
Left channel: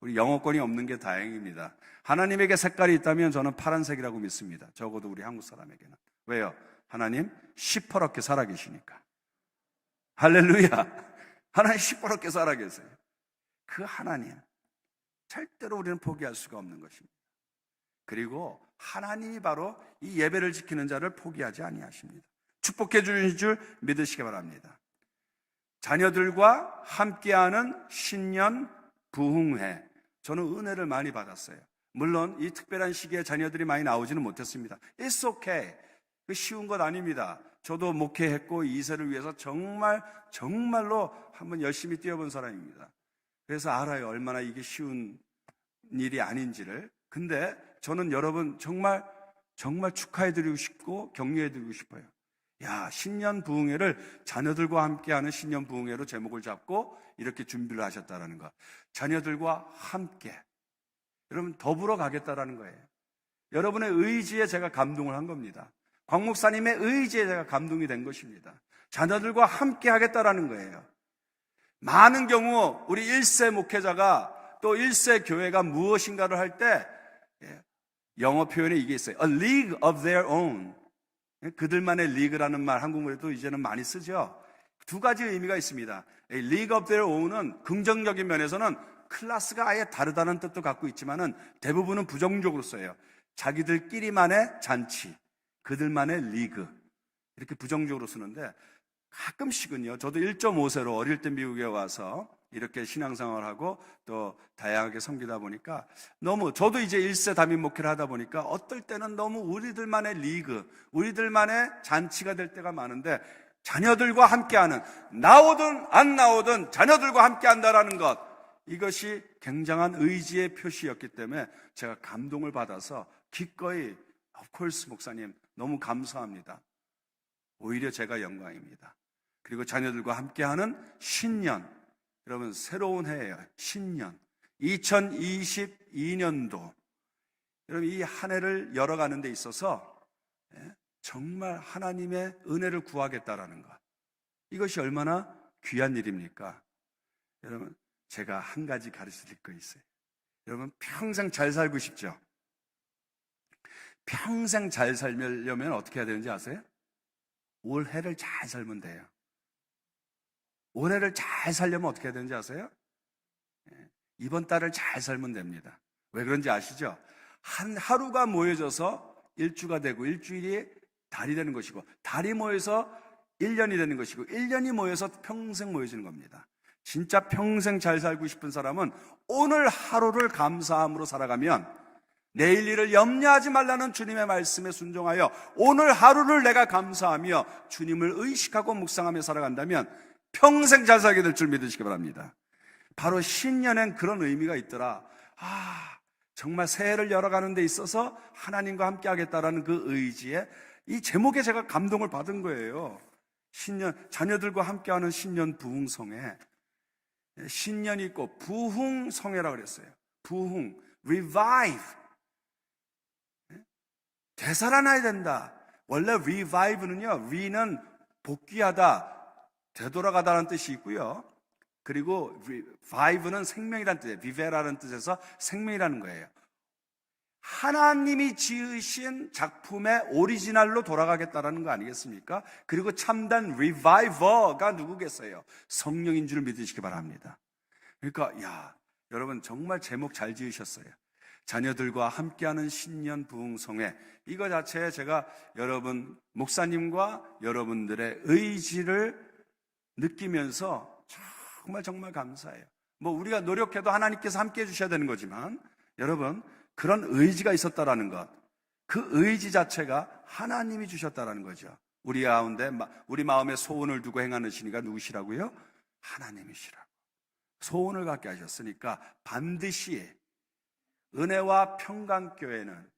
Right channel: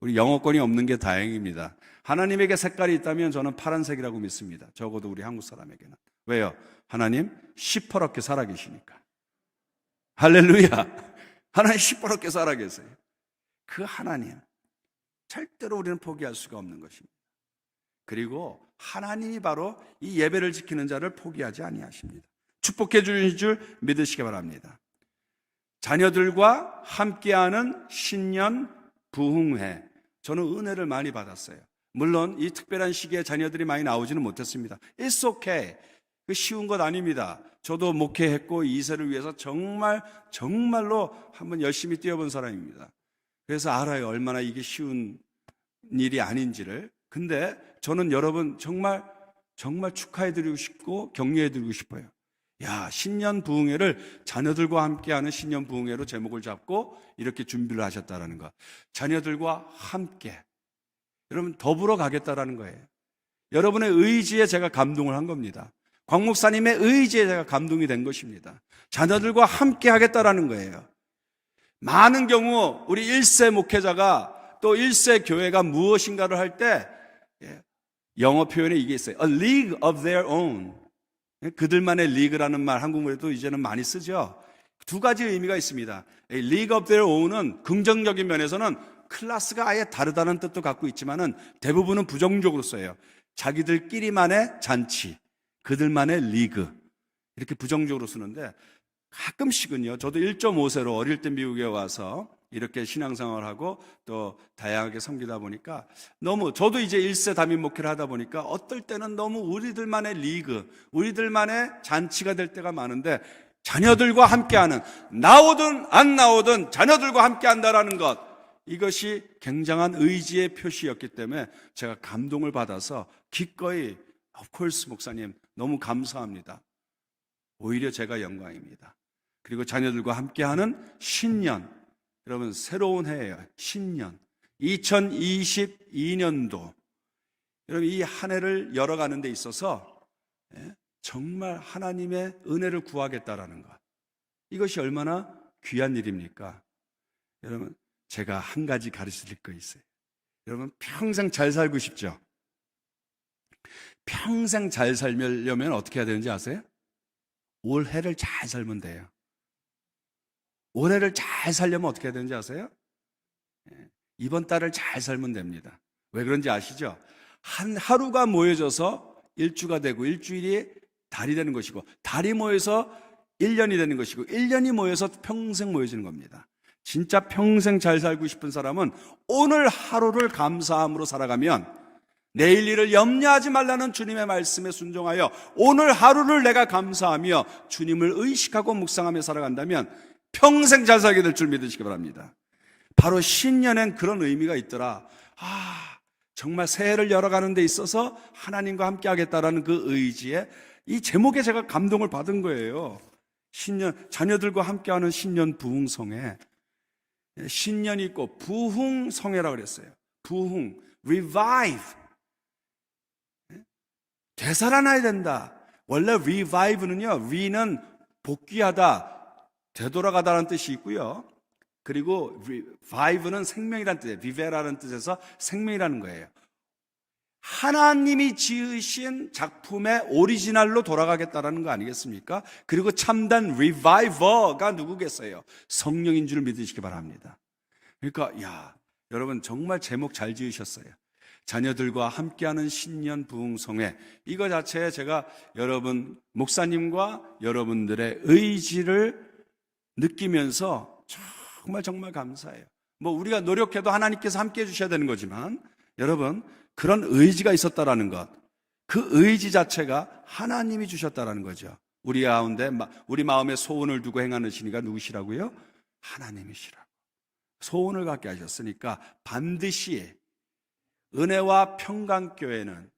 우리 영어권이 없는 게 다행입니다. 하나님에게 색깔이 있다면 저는 파란색이라고 믿습니다. 적어도 우리 한국 사람에게는. 왜요? 하나님 시퍼렇게 살아계시니까. 할렐루야. 하나님 시퍼렇게 살아계세요. 그 하나님 절대로 우리는 포기할 수가 없는 것입니다. 그리고 하나님이 바로 이 예배를 지키는 자를 포기하지 아니하십니다. 축복해 주실 줄 믿으시기 바랍니다. 자녀들과 함께하는 신년 부흥회, 저는 은혜를 많이 받았어요. 물론 이 특별한 시기에 자녀들이 많이 나오지는 못했습니다. It's okay. 쉬운 것 아닙니다. 저도 목회했고 2세를 위해서 정말로 한번 열심히 뛰어본 사람입니다. 그래서 알아요. 얼마나 이게 쉬운 일이 아닌지를. 근데 저는 여러분 정말 축하해드리고 싶고 격려해드리고 싶어요. 야, 신년 부흥회를 자녀들과 함께하는 신년 부흥회로 제목을 잡고 이렇게 준비를 하셨다라는 것. 자녀들과 함께. 여러분 더불어 가겠다라는 거예요. 여러분의 의지에 제가 감동을 한 겁니다. 곽 목사님의 의지에 제가 감동이 된 것입니다. 자녀들과 함께 하겠다라는 거예요. 많은 경우 우리 1세 목회자가 또 1세 교회가 무엇인가를 할 때 영어 표현에 이게 있어요. A league of their own. 그들만의 리그라는 말 한국말에도 이제는 많이 쓰죠. 두 가지 의미가 있습니다. A league of their own은 긍정적인 면에서는 클래스가 아예 다르다는 뜻도 갖고 있지만은 대부분은 부정적으로 써요. 자기들끼리만의 잔치, 그들만의 리그, 이렇게 부정적으로 쓰는데 가끔씩은요, 저도 1.5세로 어릴 때 미국에 와서 이렇게 신앙생활을 하고 또 다양하게 섬기다 보니까 너무, 저도 이제 1세 담임 목회를 하다 보니까 어떨 때는 너무 우리들만의 리그, 우리들만의 잔치가 될 때가 많은데, 자녀들과 함께하는, 나오든 안 나오든 자녀들과 함께한다라는 것, 이것이 굉장한 의지의 표시였기 때문에 제가 감동을 받아서 기꺼이, of course 목사님 너무 감사합니다. 오히려 제가 영광입니다. 그리고 자녀들과 함께하는 신년, 여러분 새로운 해예요. 신년 2022년도, 여러분 이 한 해를 열어가는 데 있어서 정말 하나님의 은혜를 구하겠다라는 것, 이것이 얼마나 귀한 일입니까? 여러분 제가 한 가지 가르쳐드릴 거 있어요. 여러분 평생 잘 살고 싶죠? 평생 잘 살려면 어떻게 해야 되는지 아세요? 올해를 잘 살면 돼요. 올해를 잘 살려면 어떻게 해야 되는지 아세요? 이번 달을 잘 살면 됩니다. 왜 그런지 아시죠? 한 하루가 모여져서 일주가 되고, 일주일이 달이 되는 것이고, 달이 모여서 1년이 되는 것이고, 1년이 모여서 평생 모여지는 겁니다. 진짜 평생 잘 살고 싶은 사람은 오늘 하루를 감사함으로 살아가면, 내일 일을 염려하지 말라는 주님의 말씀에 순종하여 오늘 하루를 내가 감사하며 주님을 의식하고 묵상하며 살아간다면 평생 잘 살게 될 줄 믿으시기 바랍니다. 바로 신년엔 그런 의미가 있더라. 정말 새해를 열어가는 데 있어서 하나님과 함께 하겠다라는 그 의지에, 이 제목에 제가 감동을 받은 거예요. 신년, 자녀들과 함께하는 신년 부흥성회. 신년이 있고 부흥성회라고 그랬어요. 부흥, revive. 되살아나야 된다. 원래 revive는요, re는 복귀하다, 되돌아가다라는 뜻이 있고요. 그리고 revive는 생명이라는 뜻이에요. vive라는 뜻에서 생명이라는 거예요. 하나님이 지으신 작품의 오리지널로 돌아가겠다라는 거 아니겠습니까? 그리고 참된 reviver가 누구겠어요? 성령인 줄 믿으시기 바랍니다. 그러니까 여러분 정말 제목 잘 지으셨어요. 자녀들과 함께하는 신년 부흥성회, 이거 자체에 제가 여러분 목사님과 여러분들의 의지를 느끼면서 정말 감사해요. 우리가 노력해도 하나님께서 함께 해주셔야 되는 거지만, 여러분 그런 의지가 있었다라는 것, 그 의지 자체가 하나님이 주셨다라는 거죠. 우리 가운데 우리 마음에 소원을 두고 행하시는 이가 누구시라고요? 하나님이시라고. 소원을 갖게 하셨으니까 반드시 은혜와 평강교회는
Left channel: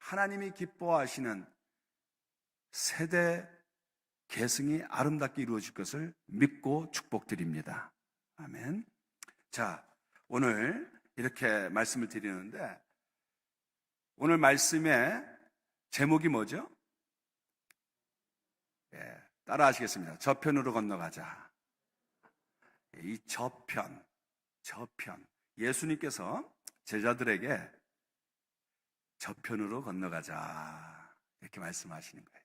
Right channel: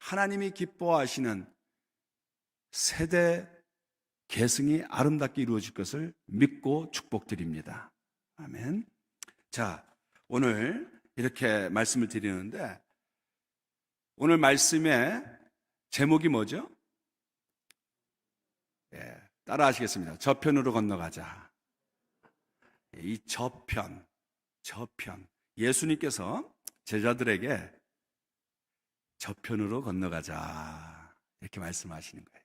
하나님이 기뻐하시는 세대 계승이 아름답게 이루어질 것을 믿고 축복드립니다. 아멘. 자, 오늘 이렇게 말씀을 드리는데, 오늘 말씀의 제목이 뭐죠? 따라 하시겠습니다. 저편으로 건너가자. 이 저편. 예수님께서 제자들에게 저편으로 건너가자 이렇게 말씀하시는 거예요.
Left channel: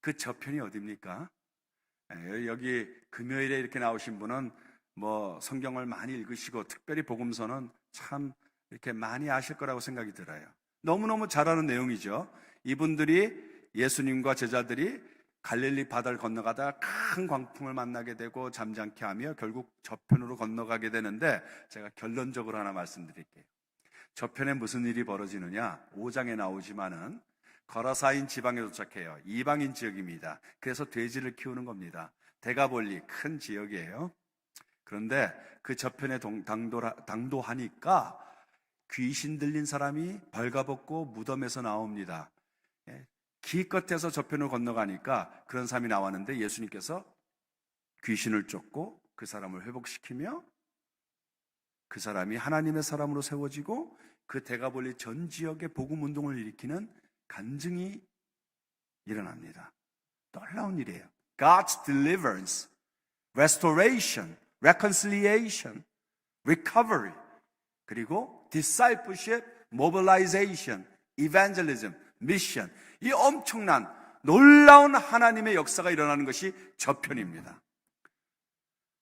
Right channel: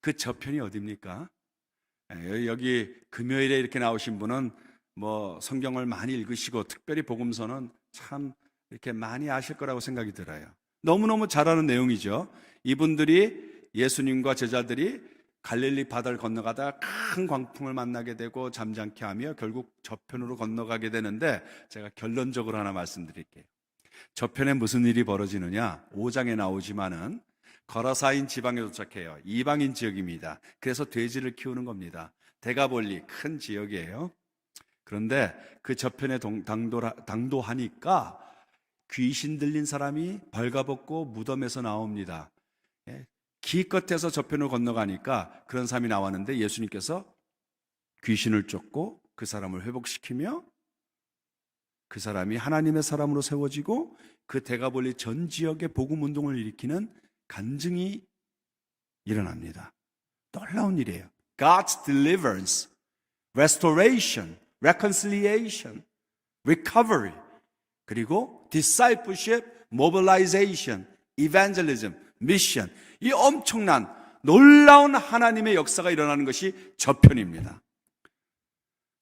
그 저편이 어디입니까? 여기 금요일에 이렇게 나오신 분은 성경을 많이 읽으시고 특별히 복음서는 참 이렇게 많이 아실 거라고 생각이 들어요. 너무너무 잘 아는 내용이죠. 이분들이, 예수님과 제자들이 갈릴리 바다를 건너가다 큰 광풍을 만나게 되고 잠잠케 하며 결국 저편으로 건너가게 되는데, 제가 결론적으로 하나 말씀드릴게요. 저편에 무슨 일이 벌어지느냐? 5장에 나오지만은 거라사인 지방에 도착해요. 이방인 지역입니다. 그래서 돼지를 키우는 겁니다. 데가볼리, 큰 지역이에요. 그런데 그 저편에 당도하니까 귀신 들린 사람이 벌가벗고 무덤에서 나옵니다. 기껏해서 저편을 건너가니까 그런 사람이 나왔는데, 예수님께서 귀신을 쫓고 그 사람을 회복시키며 그 사람이 하나님의 사람으로 세워지고 그 데가볼리 전 지역에 복음 운동을 일으키는 간증이 일어납니다. 놀라운 일이에요. God's deliverance, restoration, reconciliation, recovery, 그리고 discipleship, mobilization, evangelism, mission. 이 엄청난 놀라운 하나님의 역사가 일어나는 것이 저편입니다.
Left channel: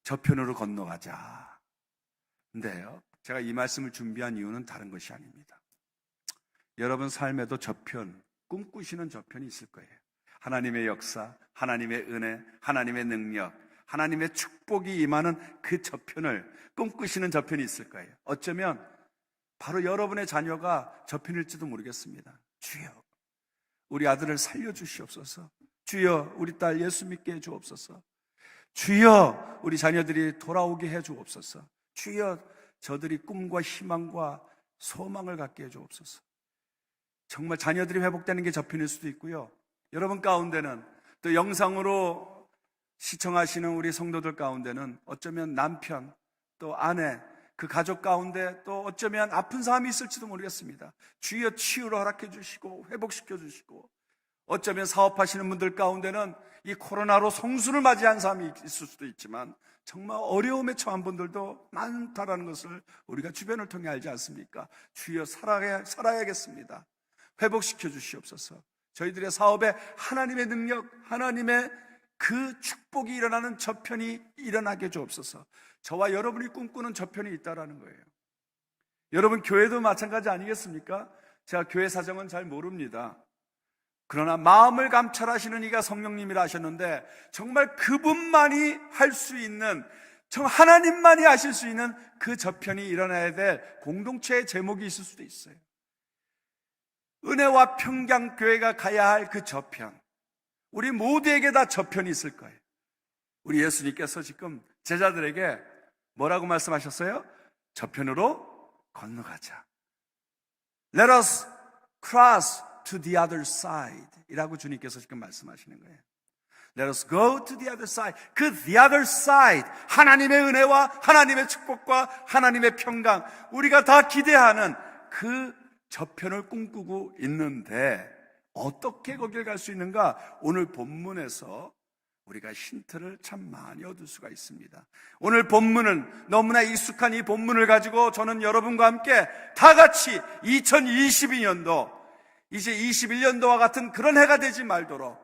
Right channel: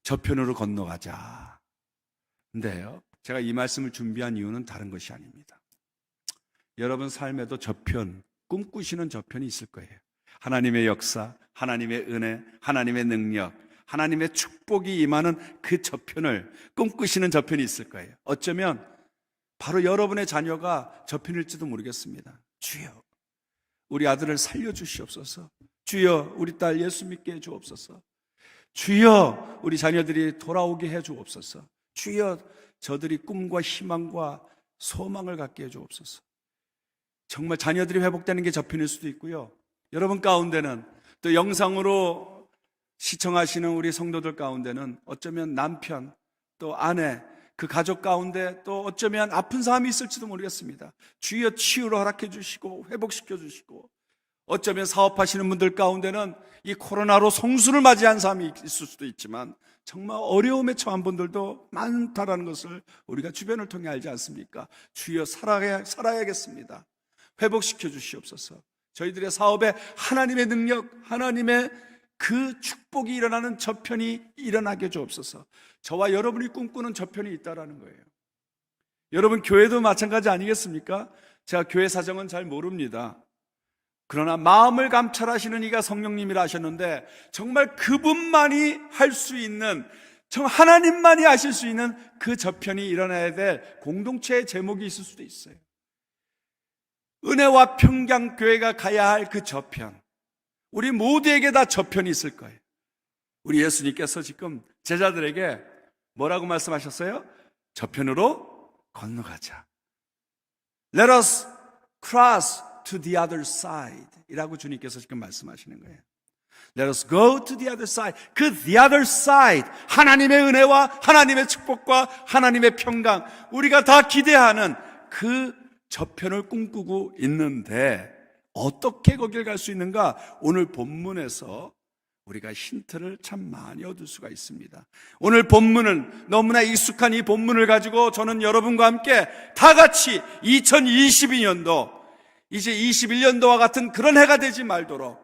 저편으로 건너가자. 근데요, 제가 이 말씀을 준비한 이유는 다른 것이 아닙니다. 여러분 삶에도 저편, 꿈꾸시는 저편이 있을 거예요. 하나님의 역사, 하나님의 은혜, 하나님의 능력, 하나님의 축복이 임하는 그 저편을 꿈꾸시는 저편이 있을 거예요. 어쩌면 바로 여러분의 자녀가 저편일지도 모르겠습니다. 주여, 우리 아들을 살려주시옵소서. 주여, 우리 딸 예수 믿게 해주옵소서. 주여, 우리 자녀들이 돌아오게 해주옵소서. 주여, 저들이 꿈과 희망과 소망을 갖게 해주옵소서. 정말 자녀들이 회복되는 게 저편일 수도 있고요. 여러분 가운데는 또 영상으로 시청하시는 우리 성도들 가운데는 어쩌면 남편, 또 아내, 그 가족 가운데 또 어쩌면 아픈 사람이 있을지도 모르겠습니다. 주여 치유를 허락해 주시고 회복시켜 주시고, 어쩌면 사업하시는 분들 가운데는 이 코로나로 성수를 맞이한 사람이 있을 수도 있지만 정말 어려움에 처한 분들도 많다라는 것을 우리가 주변을 통해 알지 않습니까? 주여 살아야겠습니다. 회복시켜 주시옵소서. 저희들의 사업에 하나님의 능력, 하나님의 그 축복이 일어나는 저편이 일어나게 주옵소서. 저와 여러분이 꿈꾸는 저편이 있다라는 거예요. 여러분 교회도 마찬가지 아니겠습니까? 제가 교회 사정은 잘 모릅니다. 그러나 마음을 감찰하시는 이가 성령님이라 하셨는데 정말 그분만이 할 수 있는, 정말 하나님만이 하실 수 있는 그 저편이 일어나야 될 공동체의 제목이 있을 수도 있어요. 은혜와 평강교회가 가야 할 그 저편, 우리 모두에게 다 저편이 있을 거예요. 우리 예수님께서 지금 제자들에게 뭐라고 말씀하셨어요? 저편으로 건너가자. Let us cross to the other side 이라고 주님께서 지금 말씀하시는 거예요. Let us go to the other side. 그 the other side, 하나님의 은혜와 하나님의 축복과 하나님의 평강, 우리가 다 기대하는 그 저편을 꿈꾸고 있는데 어떻게 거길 갈 수 있는가? 오늘 본문에서 우리가 힌트를 참 많이 얻을 수가 있습니다. 오늘 본문은 너무나 익숙한 이 본문을 가지고 저는 여러분과 함께 다 같이 2022년도, 이제 21년도와 같은 그런 해가 되지 말도록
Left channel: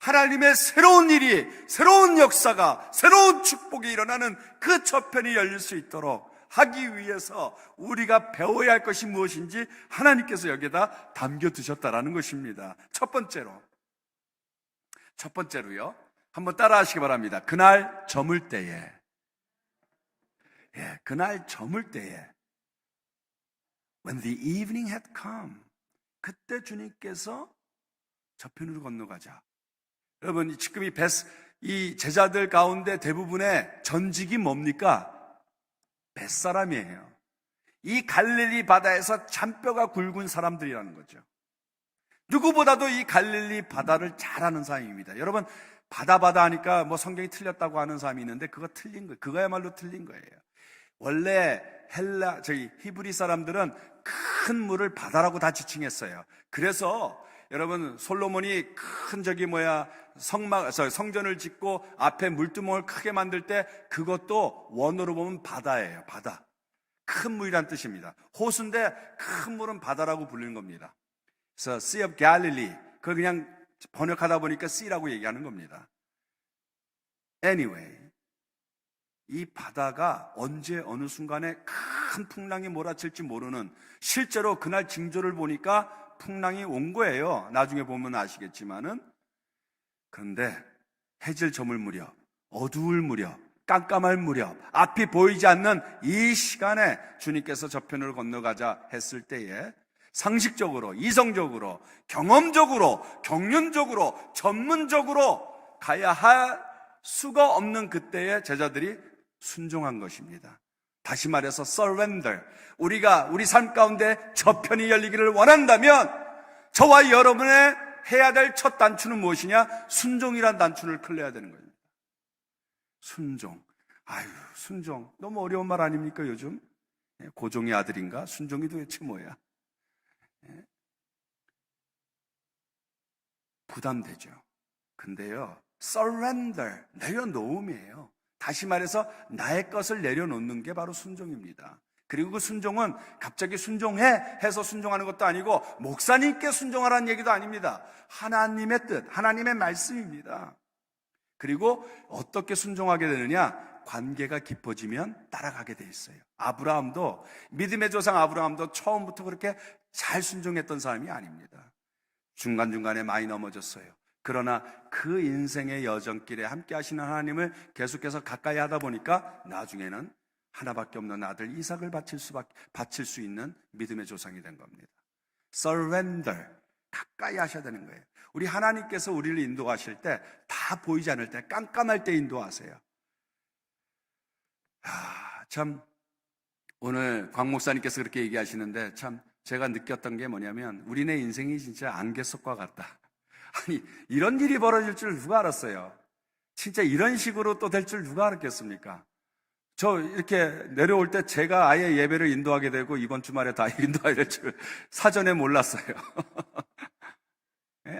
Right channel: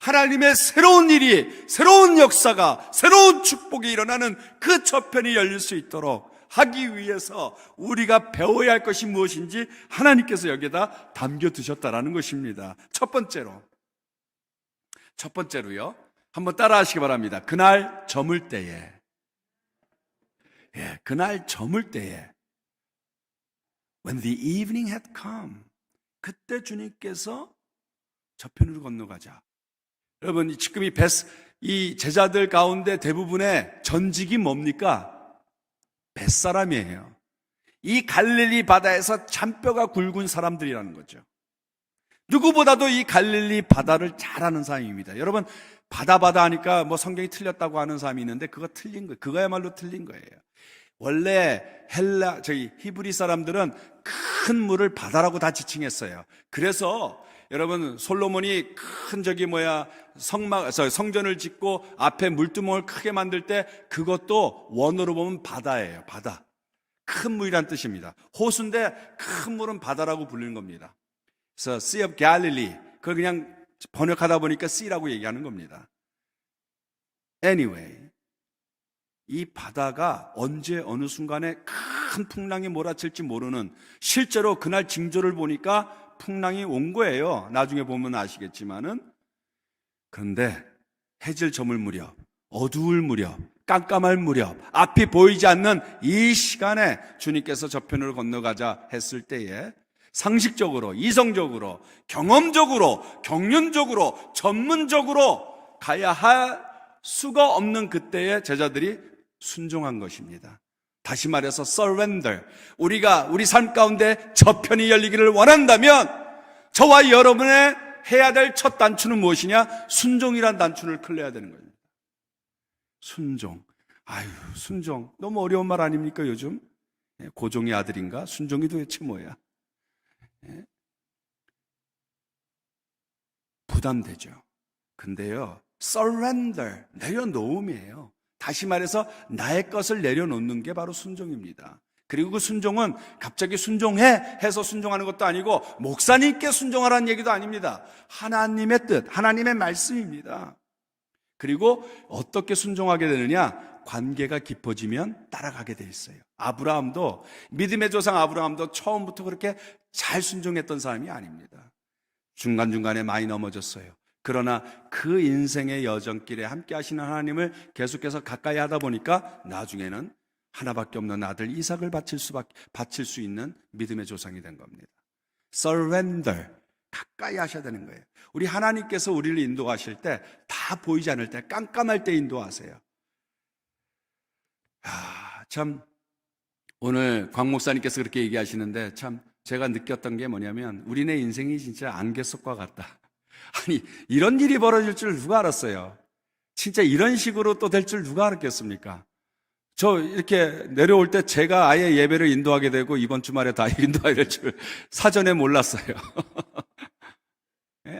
하나님의 새로운 일이, 새로운 역사가, 새로운 축복이 일어나는 그 저편이 열릴 수 있도록 하기 위해서 우리가 배워야 할 것이 무엇인지 하나님께서 여기에다 담겨두셨다라는 것입니다. 첫 번째로요, 한번 따라 하시기 바랍니다. 그날 저물 때에, 그날 저물 때에, when the evening had come, 그때 주님께서 저편으로 건너가자. 여러분, 지금 이 제자들 가운데 대부분의 전직이 뭡니까? 뱃사람이에요. 이 갈릴리 바다에서 잔뼈가 굵은 사람들이라는 거죠. 누구보다도 이 갈릴리 바다를 잘 아는 사람입니다. 여러분, 바다 하니까 뭐 성경이 틀렸다고 하는 사람이 있는데 그거 틀린 거예요. 그거야말로 틀린 거예요. 원래 히브리 사람들은 큰 물을 바다라고 다 지칭했어요. 그래서 여러분, 솔로몬이 큰 성전을 짓고 앞에 물두멍을 크게 만들 때 그것도 원어로 보면 바다예요. 바다. 큰 물이란 뜻입니다. 호수인데 큰 물은 바다라고 불리는 겁니다. 그래서 Sea of Galilee, 그걸 그냥 번역하다 보니까 Sea라고 얘기하는 겁니다. Anyway, 이 바다가 언제 어느 순간에 큰 풍랑이 몰아칠지 모르는, 실제로 그날 징조를 보니까 풍랑이 온 거예요. 나중에 보면 아시겠지만은. 그런데 해질 저물 무렵, 어두울 무렵, 깜깜할 무렵, 앞이 보이지 않는 이 시간에 주님께서 저편으로 건너가자 했을 때에 상식적으로, 이성적으로, 경험적으로, 경륜적으로, 전문적으로 가야 할 수가 없는 그때에 제자들이 순종한 것입니다. 다시 말해서 surrender. 우리가 우리 삶 가운데 저편이 열리기를 원한다면 저와 여러분의 해야 될 첫 단추는 무엇이냐? 순종이란 단추를 클래야 되는 겁니다. 순종. 순종. 너무 어려운 말 아닙니까, 요즘? 고종의 아들인가? 순종이 도대체 뭐야? 부담되죠. 근데요, surrender, 내려놓음이에요. 다시 말해서 나의 것을 내려놓는 게 바로 순종입니다. 그리고 그 순종은 갑자기 순종해 해서 순종하는 것도 아니고 목사님께 순종하라는 얘기도 아닙니다. 하나님의 뜻, 하나님의 말씀입니다. 그리고 어떻게 순종하게 되느냐? 관계가 깊어지면 따라가게 돼 있어요. 아브라함도, 믿음의 조상 아브라함도 처음부터 그렇게 잘 순종했던 사람이 아닙니다. 중간중간에 많이 넘어졌어요. 그러나 그 인생의 여정길에 함께 하시는 하나님을 계속해서 가까이 하다 보니까 나중에는 하나밖에 없는 아들 이삭을 바칠 수 있는 믿음의 조상이 된 겁니다. surrender, 가까이 하셔야 되는 거예요. 우리 하나님께서 우리를 인도하실 때 다 보이지 않을 때, 깜깜할 때 인도하세요. 참 오늘 광 목사님께서 그렇게 얘기하시는데 참 제가 느꼈던 게 뭐냐면 우리네 인생이 진짜 안개 속과 같다. 아니, 이런 일이 벌어질 줄 누가 알았어요? 진짜 이런 식으로 또 될 줄 누가 알았겠습니까? 저 이렇게 내려올 때 제가 아예 예배를 인도하게 되고 이번 주말에 다 인도하게 될 줄 사전에 몰랐어요.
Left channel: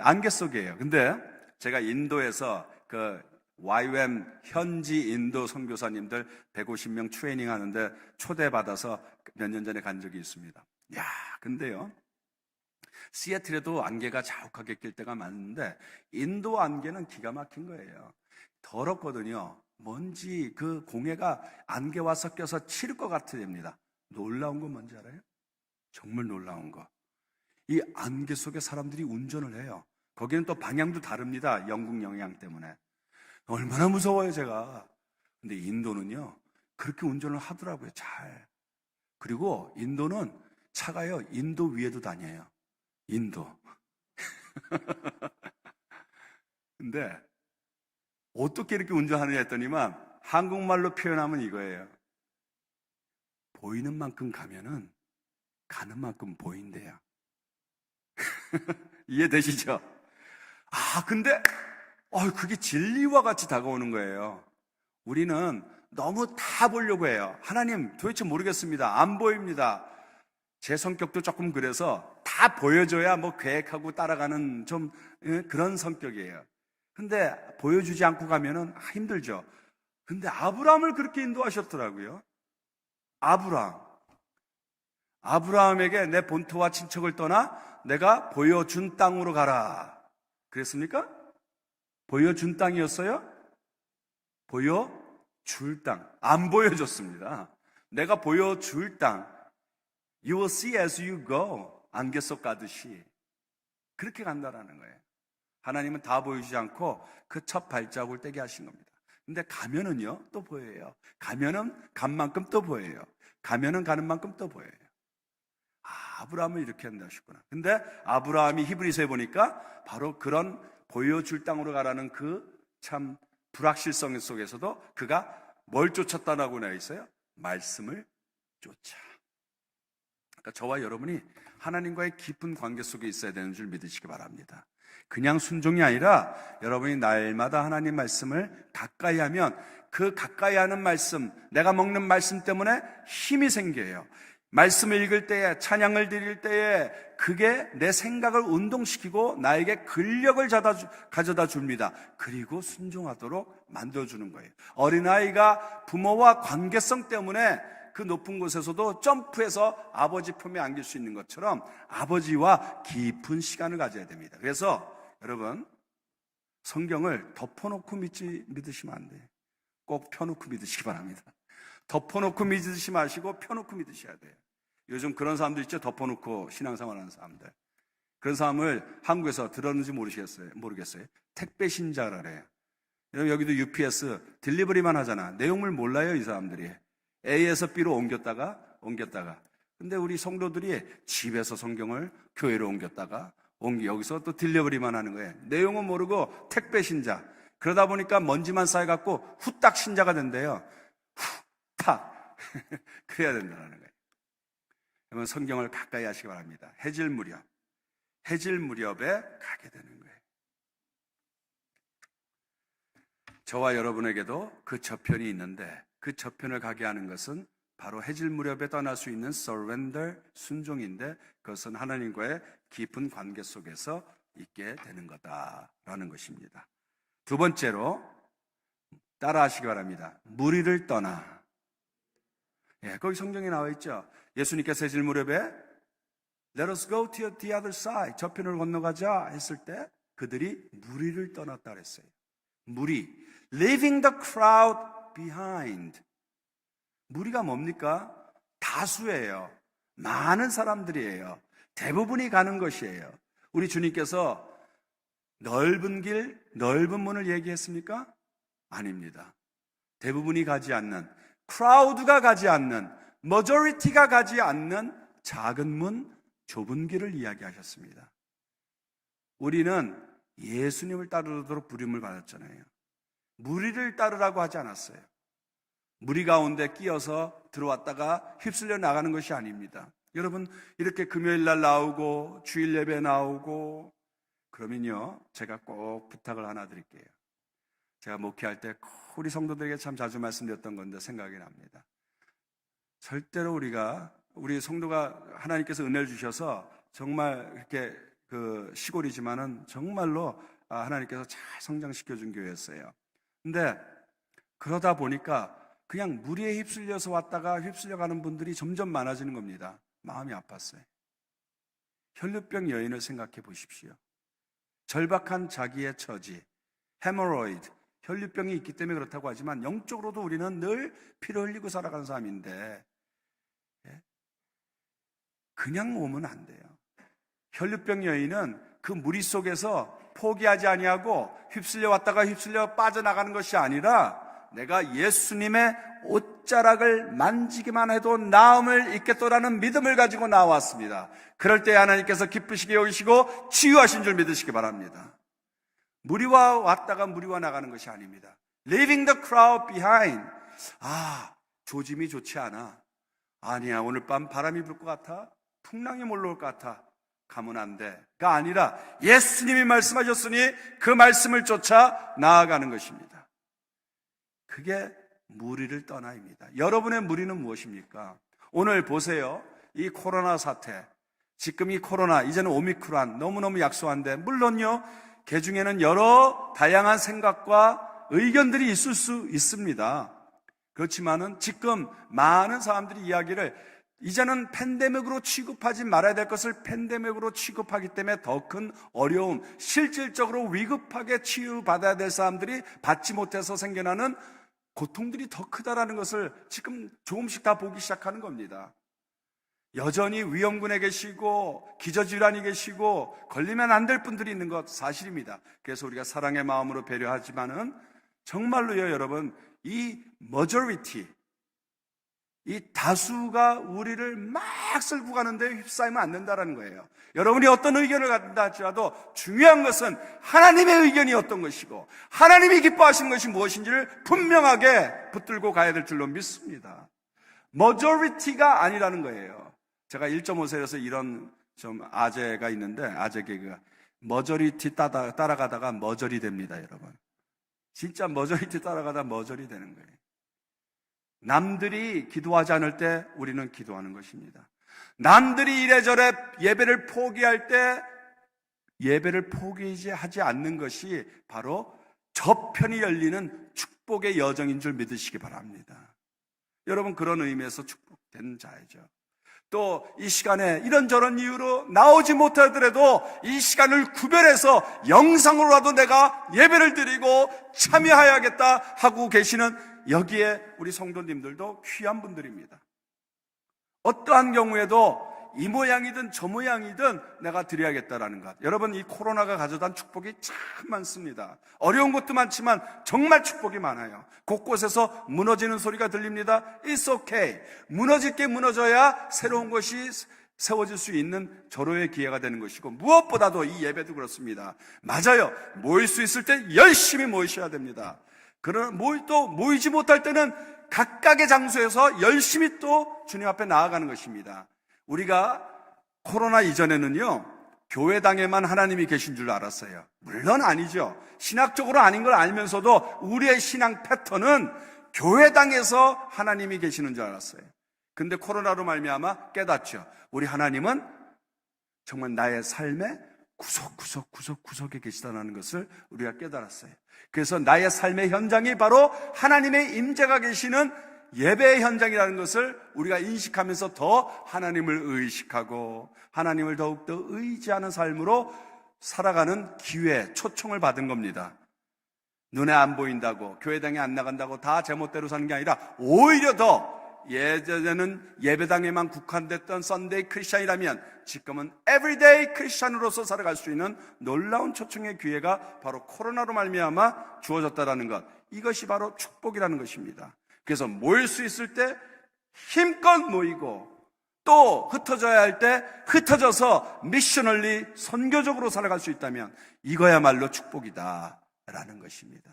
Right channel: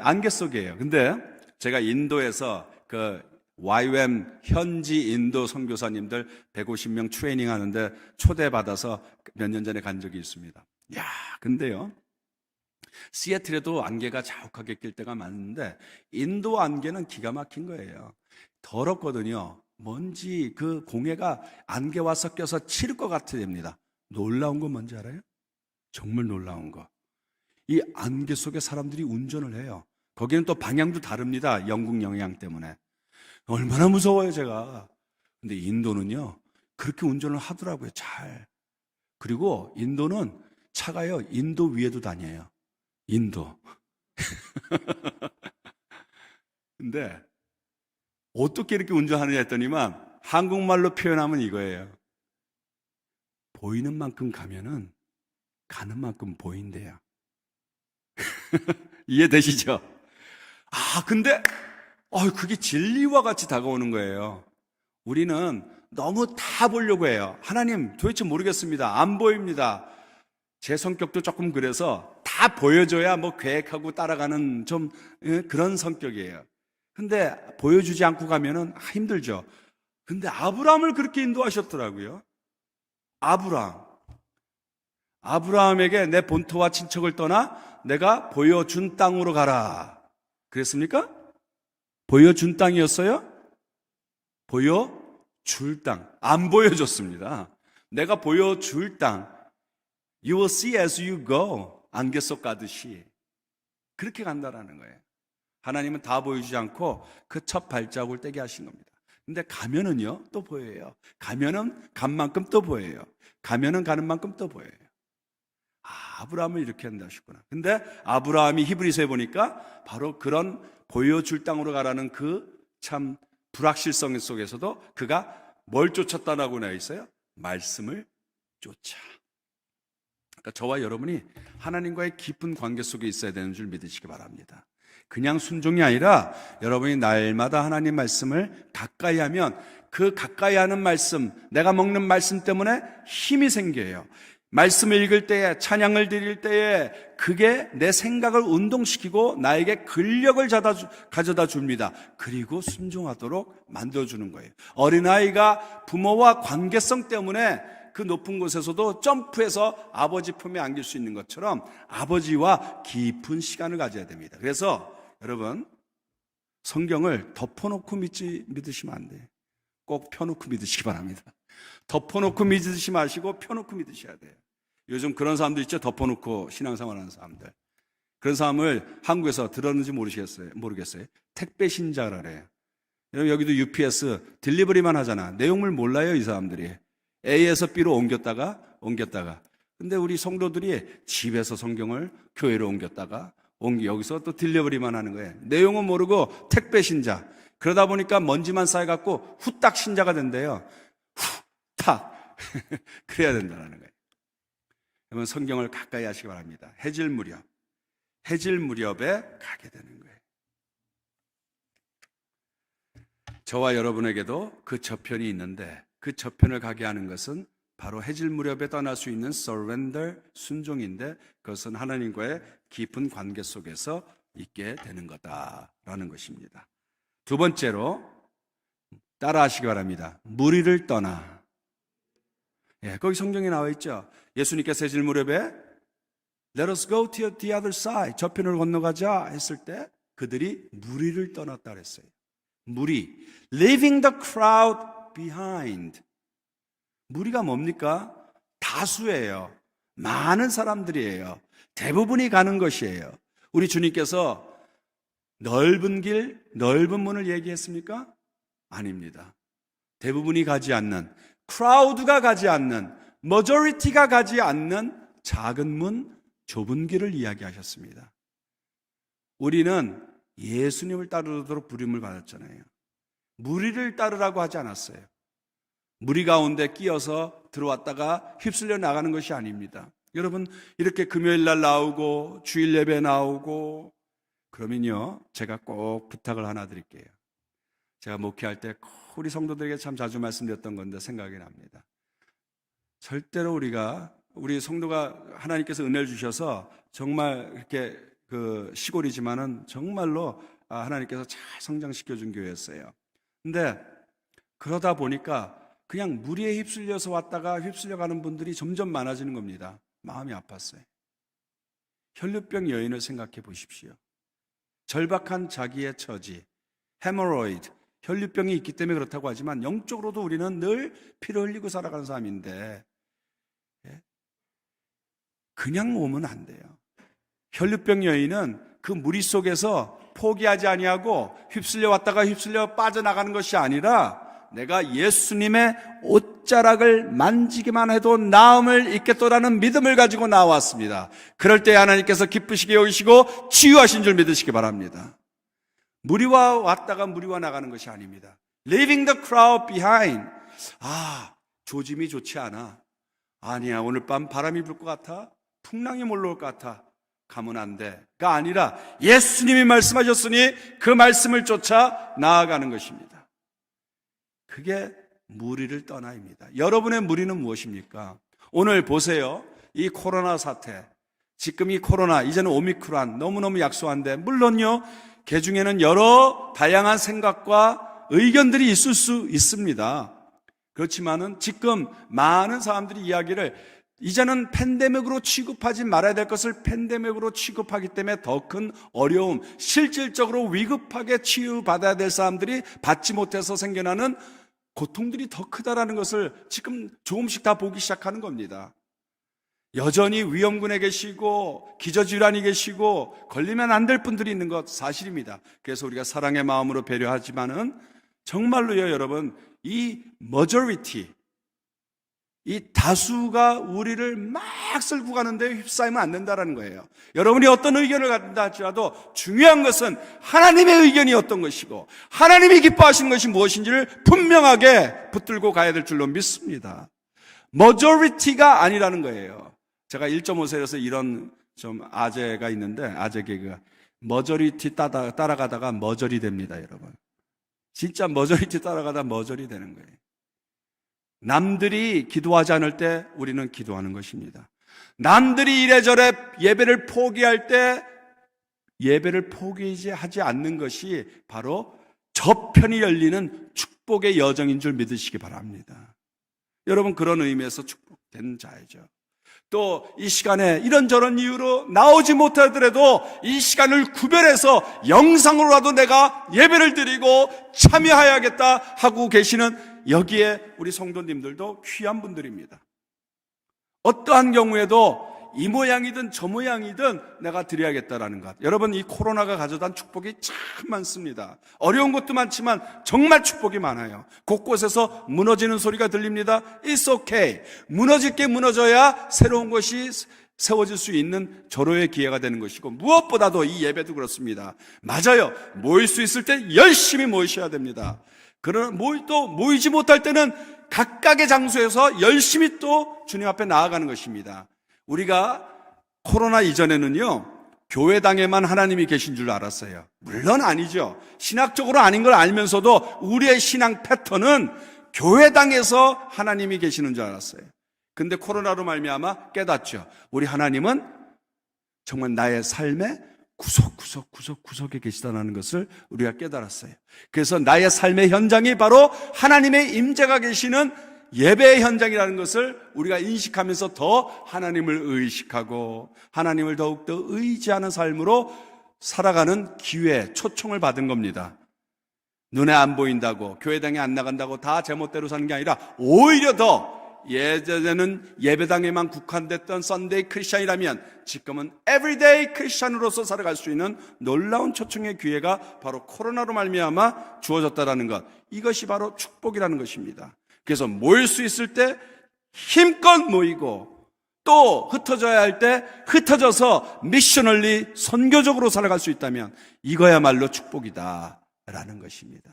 안개 속이에요. 근데 제가 인도에서 그 YWAM 현지 인도 선교사님들 150명 트레이닝 하는데 초대받아서 몇 년 전에 간 적이 있습니다. 야, 근데요, 시애틀에도 안개가 자욱하게 낄 때가 많은데 인도 안개는 기가 막힌 거예요. 더럽거든요. 먼지 그 공해가 안개와 섞여서 칠 것 같아 됩니다. 놀라운 건 뭔지 알아요? 정말 놀라운 거. 이 안개 속에 사람들이 운전을 해요. 거기는 또 방향도 다릅니다. 영국 영향 때문에. 얼마나 무서워요, 제가. 근데 인도는요, 그렇게 운전을 하더라고요, 잘. 그리고 인도는 차가요, 인도 위에도 다녀요. 인도. 근데 어떻게 이렇게 운전하느냐 했더니만 한국말로 표현하면 이거예요. 보이는 만큼 가면은 가는 만큼 보인대요. 이해되시죠? 근데 그게 진리와 같이 다가오는 거예요. 우리는 너무 다 보려고 해요. 하나님 도대체 모르겠습니다. 안 보입니다. 제 성격도 조금 그래서 다 보여줘야 뭐 계획하고 따라가는 좀 그런 성격이에요. 근데 보여주지 않고 가면은 힘들죠. 근데 아브라함을 그렇게 인도하셨더라고요. 아브라함에게 내 본토와 친척을 떠나 내가 보여준 땅으로 가라. 그랬습니까? 보여준 땅이었어요? 보여줄 땅. 안 보여줬습니다. 내가 보여줄 땅. You will see as you go. 안개 속 가듯이. 그렇게 간다라는 거예요. 하나님은 다 보여주지 않고 그 첫 발자국을 떼게 하신 겁니다. 근데 가면은요, 또 보여요. 가면은 간 만큼 또 보여요. 가면은 가는 만큼 또 보여요. 아브라함을 이렇게 한다 하셨구나. 근데 아브라함이 히브리서에 보니까 바로 그런 보여줄 땅으로 가라는 그 참 불확실성 속에서도 그가 뭘 쫓았다라고 나와 있어요? 말씀을 쫓아. 그러니까 저와 여러분이 하나님과의 깊은 관계 속에 있어야 되는 줄 믿으시기 바랍니다. 그냥 순종이 아니라 여러분이 날마다 하나님 말씀을 가까이 하면 그 가까이 하는 말씀, 내가 먹는 말씀 때문에 힘이 생겨요. 말씀을 읽을 때에, 찬양을 드릴 때에 그게 내 생각을 운동시키고 나에게 근력을 가져다 줍니다. 그리고 순종하도록 만들어주는 거예요. 어린아이가 부모와 관계성 때문에 그 높은 곳에서도 점프해서 아버지 품에 안길 수 있는 것처럼 아버지와 깊은 시간을 가져야 됩니다. 그래서 여러분, 성경을 덮어놓고 믿으시면 안 돼요. 꼭 펴놓고 믿으시기 바랍니다. 덮어놓고 믿으시 마시고 펴놓고 믿으셔야 돼요. 요즘 그런 사람들 있죠? 덮어놓고 신앙생활하는 사람들. 그런 사람을 한국에서 들었는지 모르겠어요. 택배 신자라래요. 여러분, 여기도 UPS 딜리버리만 하잖아. 내용물 몰라요, 이 사람들이. A에서 B로 옮겼다가. 근데 우리 성도들이 집에서 성경을 교회로 옮겼다가 여기서 또 딜리버리만 하는 거예요. 내용은 모르고 택배 신자. 그러다 보니까 먼지만 쌓여갖고 후딱 신자가 된대요. 후딱. 그래야 된다는 거예요. 여러분, 성경을 가까이 하시기 바랍니다. 해질 무렵에 가게 되는 거예요. 저와 여러분에게도 그 저편이 있는데 그 저편을 가게 하는 것은 바로 해질 무렵에 떠날 수 있는 surrender, 순종인데 그것은 하나님과의 깊은 관계 속에서 있게 되는 거다라는 것입니다. 두 번째로 따라하시기 바랍니다. 무리를 떠나. 거기 성경에 나와 있죠. 예수님께서 해질 무렵에 Let us go to the other side. 저편을 건너가자 했을 때 그들이 무리를 떠났다 그랬어요. 무리. Leaving the crowd behind. 무리가 뭡니까? 다수예요. 많은 사람들이에요. 대부분이 가는 것이에요. 우리 주님께서 넓은 길, 넓은 문을 얘기했습니까? 아닙니다. 대부분이 가지 않는, 크라우드가 가지 않는, 머저리티가 가지 않는 작은 문, 좁은 길을 이야기하셨습니다. 우리는 예수님을 따르도록 부름을 받았잖아요. 무리를 따르라고 하지 않았어요. 무리 가운데 끼어서 들어왔다가 휩쓸려 나가는 것이 아닙니다. 여러분, 이렇게 금요일 날 나오고 주일 예배 나오고 그러면요, 제가 꼭 부탁을 하나 드릴게요. 제가 목회할 때 우리 성도들에게 참 자주 말씀드렸던 건데 생각이 납니다. 절대로 우리 성도가 하나님께서 은혜를 주셔서 정말 이렇게 시골이지만은 정말로 하나님께서 잘 성장시켜 준 교회였어요. 근데 그러다 보니까 그냥 무리에 휩쓸려서 왔다가 휩쓸려 가는 분들이 점점 많아지는 겁니다. 마음이 아팠어요. 혈류병 여인을 생각해 보십시오. 절박한 자기의 처지, 헤모로이드, 혈류병이 있기 때문에 그렇다고 하지만 영적으로도 우리는 늘 피를 흘리고 살아가는 사람인데 그냥 오면 안 돼요. 혈류병 여인은 그 무리 속에서 포기하지 아니하고 휩쓸려 왔다가 휩쓸려 빠져나가는 것이 아니라 내가 예수님의 옷자락을 만지기만 해도 나음을 입겠도라는 믿음을 가지고 나왔습니다. 그럴 때 하나님께서 기쁘시게 여기시고 치유하신 줄 믿으시기 바랍니다. 무리와 왔다가 무리와 나가는 것이 아닙니다. Leaving the crowd behind. 조짐이 좋지 않아. 아니야, 오늘 밤 바람이 불 것 같아? 풍랑이 몰려올 것 같아? 가면 안 돼가 아니라 예수님이 말씀하셨으니 그 말씀을 쫓아 나아가는 것입니다. 그게 무리를 떠나입니다. 여러분의 무리는 무엇입니까? 오늘 보세요. 이 코로나 사태, 지금 이 코로나, 이제는 오미크론 너무너무 약소한데 물론요, 개 중에는 여러 다양한 생각과 의견들이 있을 수 있습니다. 그렇지만은 지금 많은 사람들이 이야기를 이제는 팬데믹으로 취급하지 말아야 될 것을 팬데믹으로 취급하기 때문에 더 큰 어려움, 실질적으로 위급하게 치유받아야 될 사람들이 받지 못해서 생겨나는 고통들이 더 크다라는 것을 지금 조금씩 다 보기 시작하는 겁니다. 여전히 위험군에 계시고 기저질환이 계시고 걸리면 안 될 분들이 있는 것 사실입니다. 그래서 우리가 사랑의 마음으로 배려하지만은 정말로요, 여러분, 이 majority, 이 다수가 우리를 막 쓸고 가는데 휩싸이면 안 된다는 거예요. 여러분이 어떤 의견을 갖는다 할지라도 중요한 것은 하나님의 의견이 어떤 것이고 하나님이 기뻐하시는 것이 무엇인지를 분명하게 붙들고 가야 될 줄로 믿습니다. majority가 아니라는 거예요. 제가 1.5세에서 이런 좀 아재가 있는데, 아재 개그가 majority 따라가다가 머저리 됩니다, 여러분. 진짜 majority 따라가다 머저리 되는 거예요. 남들이 기도하지 않을 때 우리는 기도하는 것입니다. 남들이 이래저래 예배를 포기할 때 예배를 포기하지 않는 것이 바로 저편이 열리는 축복의 여정인 줄 믿으시기 바랍니다. 여러분, 그런 의미에서 축복된 자이죠. 또 이 시간에 이런저런 이유로 나오지 못하더라도 이 시간을 구별해서 영상으로라도 내가 예배를 드리고 참여해야겠다 하고 계시는 여기에 우리 성도님들도 귀한 분들입니다. 어떠한 경우에도 이 모양이든 저 모양이든 내가 드려야겠다라는 것. 여러분, 이 코로나가 가져다 축복이 참 많습니다. 어려운 것도 많지만 정말 축복이 많아요. 곳곳에서 무너지는 소리가 들립니다. It's okay. 무너질 게 무너져야 새로운 것이 세워질 수 있는 절호의 기회가 되는 것이고, 무엇보다도 이 예배도 그렇습니다. 맞아요. 모일 수 있을 때 열심히 모이셔야 됩니다. 그러나 모이지 못할 때는 각각의 장소에서 열심히 또 주님 앞에 나아가는 것입니다. 우리가 코로나 이전에는요, 교회당에만 하나님이 계신 줄 알았어요. 물론 아니죠. 신학적으로 아닌 걸 알면서도 우리의 신앙 패턴은 교회당에서 하나님이 계시는 줄 알았어요. 근데 코로나로 말미암아 깨닫죠. 우리 하나님은 정말 나의 삶의 구석구석에 계시다는 것을 우리가 깨달았어요. 그래서 나의 삶의 현장이 바로 하나님의 임재가 계시는 예배의 현장이라는 것을 우리가 인식하면서 더 하나님을 의식하고 하나님을 더욱더 의지하는 삶으로 살아가는 기회, 초청을 받은 겁니다. 눈에 안 보인다고, 교회당에 안 나간다고 다 제멋대로 사는 게 아니라 오히려 더 예전에는 예배당에만 국한됐던 썬데이 크리스찬이라면 지금은 에브리데이 크리스찬으로서 살아갈 수 있는 놀라운 초청의 기회가 바로 코로나로 말미암아 주어졌다는 것, 이것이 바로 축복이라는 것입니다. 그래서 모일 수 있을 때 힘껏 모이고 또 흩어져야 할 때 흩어져서 미셔널리 선교적으로 살아갈 수 있다면 이거야말로 축복이다라는 것입니다.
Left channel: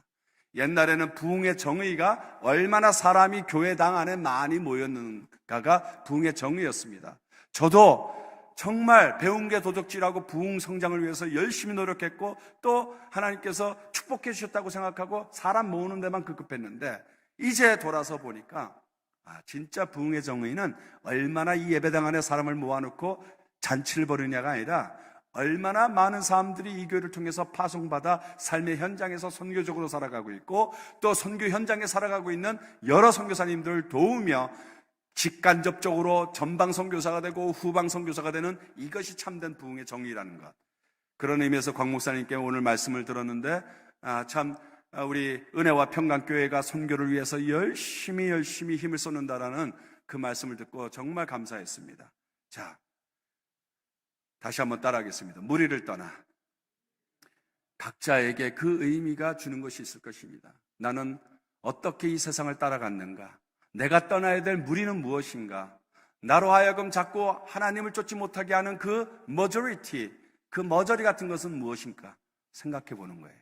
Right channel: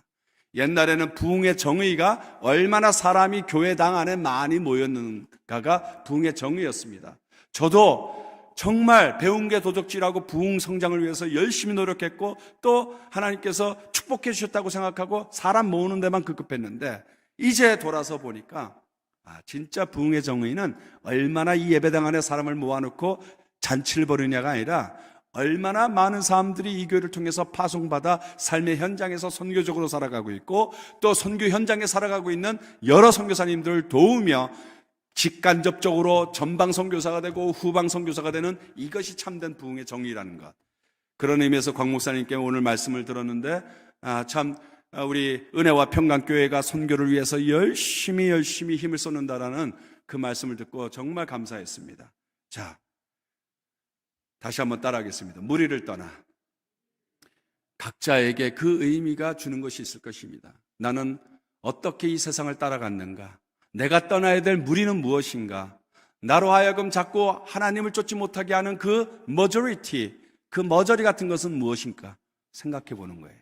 옛날에는 부흥의 정의가 얼마나 사람이 교회당 안에 많이 모였는가가 부흥의 정의였습니다. 저도 정말 배운 게 도적질하고 부흥 성장을 위해서 열심히 노력했고 또 하나님께서 축복해 주셨다고 생각하고 사람 모으는 데만 급급했는데 이제 돌아서 보니까 진짜 부흥의 정의는 얼마나 이 예배당 안에 사람을 모아놓고 잔치를 벌이냐가 아니라 얼마나 많은 사람들이 이 교회를 통해서 파송받아 삶의 현장에서 선교적으로 살아가고 있고 또 선교 현장에 살아가고 있는 여러 선교사님들을 도우며 직간접적으로 전방 선교사가 되고 후방 선교사가 되는 이것이 참된 부흥의 정의라는 것. 그런 의미에서 곽 목사님께 오늘 말씀을 들었는데 참 우리 은혜와 평강교회가 선교를 위해서 열심히 힘을 쏟는다라는 그 말씀을 듣고 정말 감사했습니다. 자, 다시 한번 따라하겠습니다. 무리를 떠나. 각자에게 그 의미가 주는 것이 있을 것입니다. 나는 어떻게 이 세상을 따라갔는가? 내가 떠나야 될 무리는 무엇인가? 나로 하여금 자꾸 하나님을 쫓지 못하게 하는 그 머저리티, 그 머저리 같은 것은 무엇인가? 생각해 보는 거예요.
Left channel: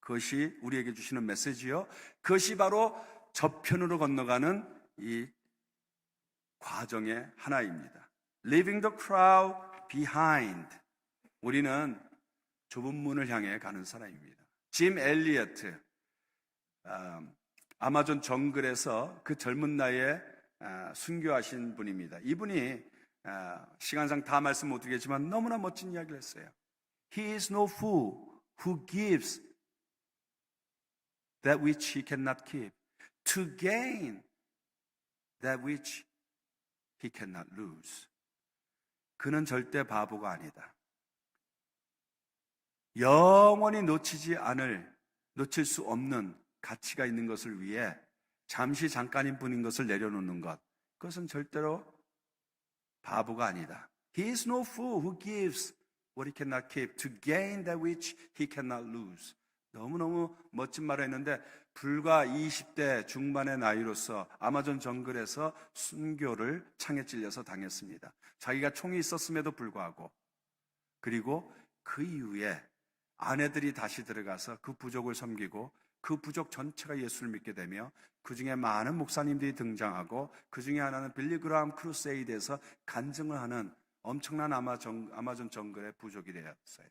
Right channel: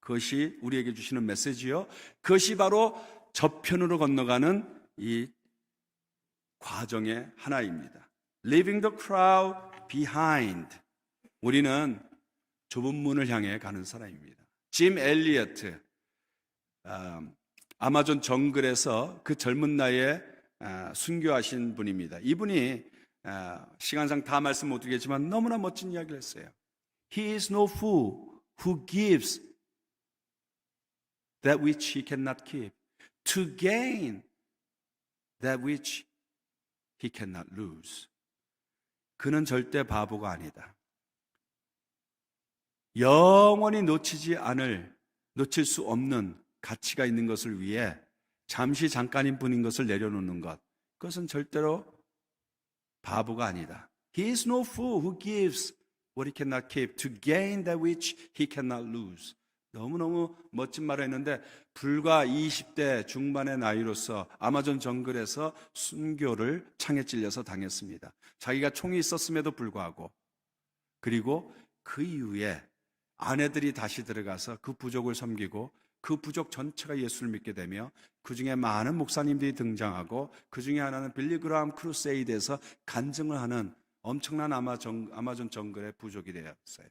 그것이 우리에게 주시는 메시지요. 그것이 바로 저편으로 건너가는 이 과정의 하나입니다. Leaving the crowd behind. 우리는 좁은 문을 향해 가는 사람입니다. 짐 엘리어트, 아마존 정글에서 그 젊은 나이에 순교하신 분입니다. 이분이 시간상 다 말씀 못 드리겠지만 너무나 멋진 이야기를 했어요. He is no fool who gives that which he cannot keep to gain that which he cannot lose. 그는 절대 바보가 아니다. 영원히 놓칠 수 없는 가치가 있는 것을 위해 잠시 잠깐인 뿐인 것을 내려놓는 것, 그것은 절대로 바보가 아니다. He is no fool who gives what he cannot keep to gain that which he cannot lose. 너무너무 멋진 말을 했는데 불과 20대 중반의 나이로서 아마존 정글에서 순교를 창에 찔려서 당했습니다. 자기가 총이 있었음에도 불구하고, 그리고 그 이후에 아내들이 다시 들어가서 그 부족을 섬기고 그 부족 전체가 예수를 믿게 되며 그 중에 많은 목사님들이 등장하고 그 중에 하나는 빌리 그라함 크루세이드에서 간증을 하는 엄청난 아마존 정글의 부족이 되었어요.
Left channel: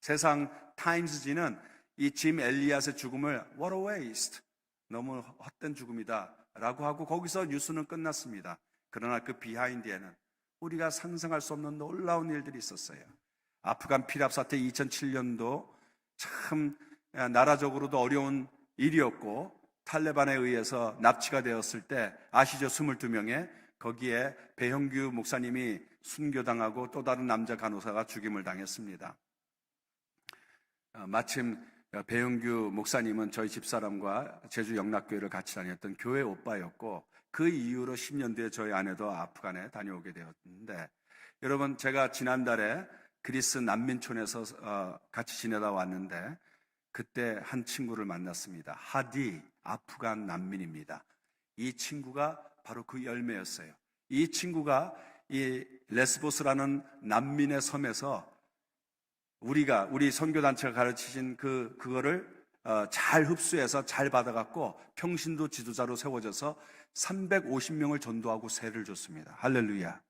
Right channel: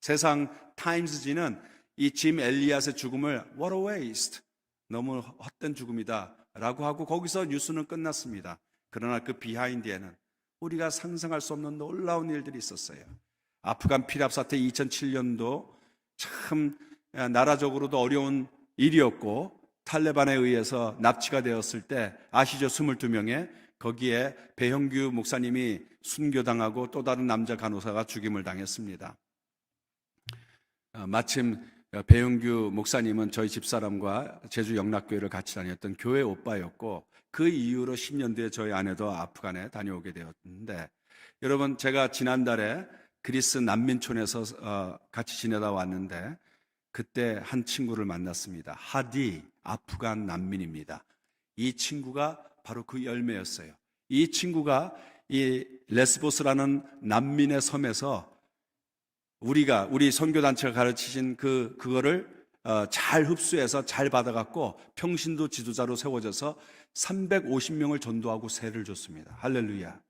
세상 타임스지는 이 짐 엘리엇의 죽음을 What a waste, 너무 헛된 죽음이다 라고 하고 거기서 뉴스는 끝났습니다. 그러나 그 비하인드에는 우리가 상상할 수 없는 놀라운 일들이 있었어요. 아프간 피랍 사태 2007년도 참 나라적으로도 어려운 일이었고 탈레반에 의해서 납치가 되었을 때 아시죠? 22명의 거기에 배형규 목사님이 순교당하고 또 다른 남자 간호사가 죽임을 당했습니다. 마침 배용규 목사님은 저희 집사람과 제주 영락교회를 같이 다녔던 교회 오빠였고 그 이후로 10년 뒤에 저희 아내도 아프간에 다녀오게 되었는데, 여러분 제가 지난달에 그리스 난민촌에서 같이 지내다 왔는데 그때 한 친구를 만났습니다. 하디, 아프간 난민입니다. 이 친구가 바로 그 열매였어요. 이 친구가 이 레스보스라는 난민의 섬에서 우리 선교단체가 가르치신 그거를 잘 흡수해서 잘 받아갖고 평신도 지도자로 세워져서 350명을 전도하고 세를 줬습니다. 할렐루야.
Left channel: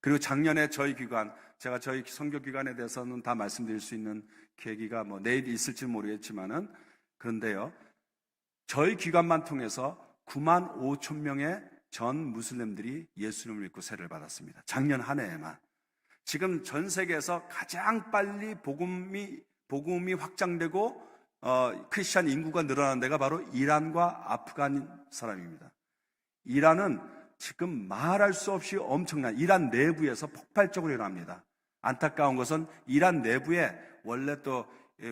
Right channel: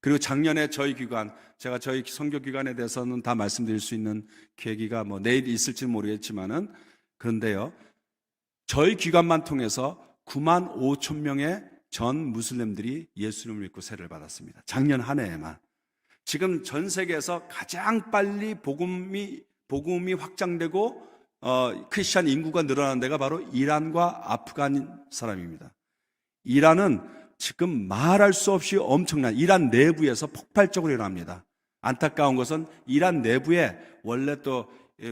그리고 작년에 저희 기관, 제가 저희 선교기관에 대해서는 다 말씀드릴 수 있는 계기가 내일 있을지는 모르겠지만은, 그런데요, 저희 기관만 통해서 9만 5천 명의 전 무슬림들이 예수님을 믿고 세를 받았습니다. 작년 한 해에만. 지금 전 세계에서 가장 빨리 복음이 확장되고 크리스찬 인구가 늘어나는 데가 바로 이란과 아프간 사람입니다. 이란은 지금 말할 수 없이 엄청난 이란 내부에서 폭발적으로 일어납니다. 안타까운 것은 이란 내부에 원래 또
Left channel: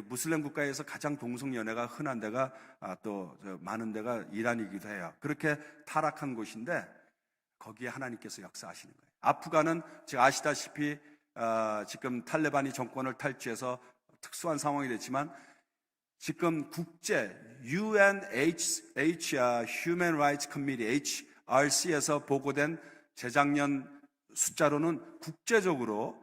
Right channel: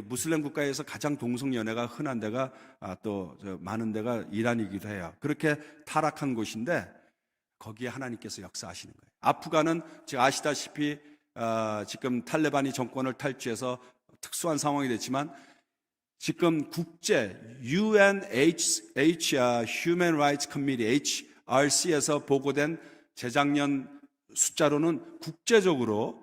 무슬림 국가에서 가장 동성연애가 흔한 데가 또 많은 데가 이란이기도 해요. 그렇게 타락한 곳인데 거기에 하나님께서 역사하시는 거예요. 아프간은 지금 아시다시피 지금 탈레반이 정권을 탈취해서 특수한 상황이 됐지만 지금 국제 Human Rights Committee HRC에서 보고된 재작년 숫자로는 국제적으로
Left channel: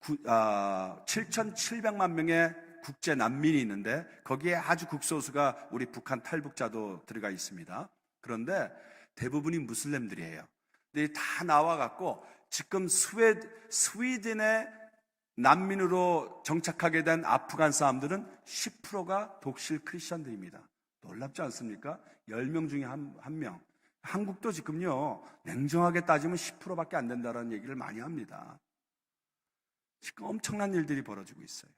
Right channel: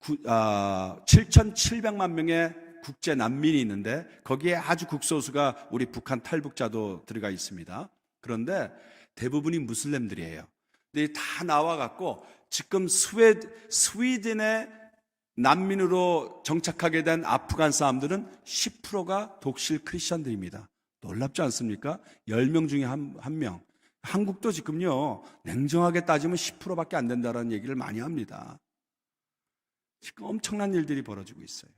7,700만 명의 국제 난민이 있는데 거기에 아주 극소수가 우리 북한 탈북자도 들어가 있습니다. 그런데 대부분이 무슬림들이에요. 근데 다 나와갖고 지금 스웨덴의 난민으로 정착하게 된 아프간 사람들은 10%가 독실 크리스천들입니다. 놀랍지 않습니까? 10명 중에 한 명. 한국도 지금요, 냉정하게 따지면 10%밖에 안 된다는 얘기를 많이 합니다. 지금 엄청난 일들이 벌어지고 있어요.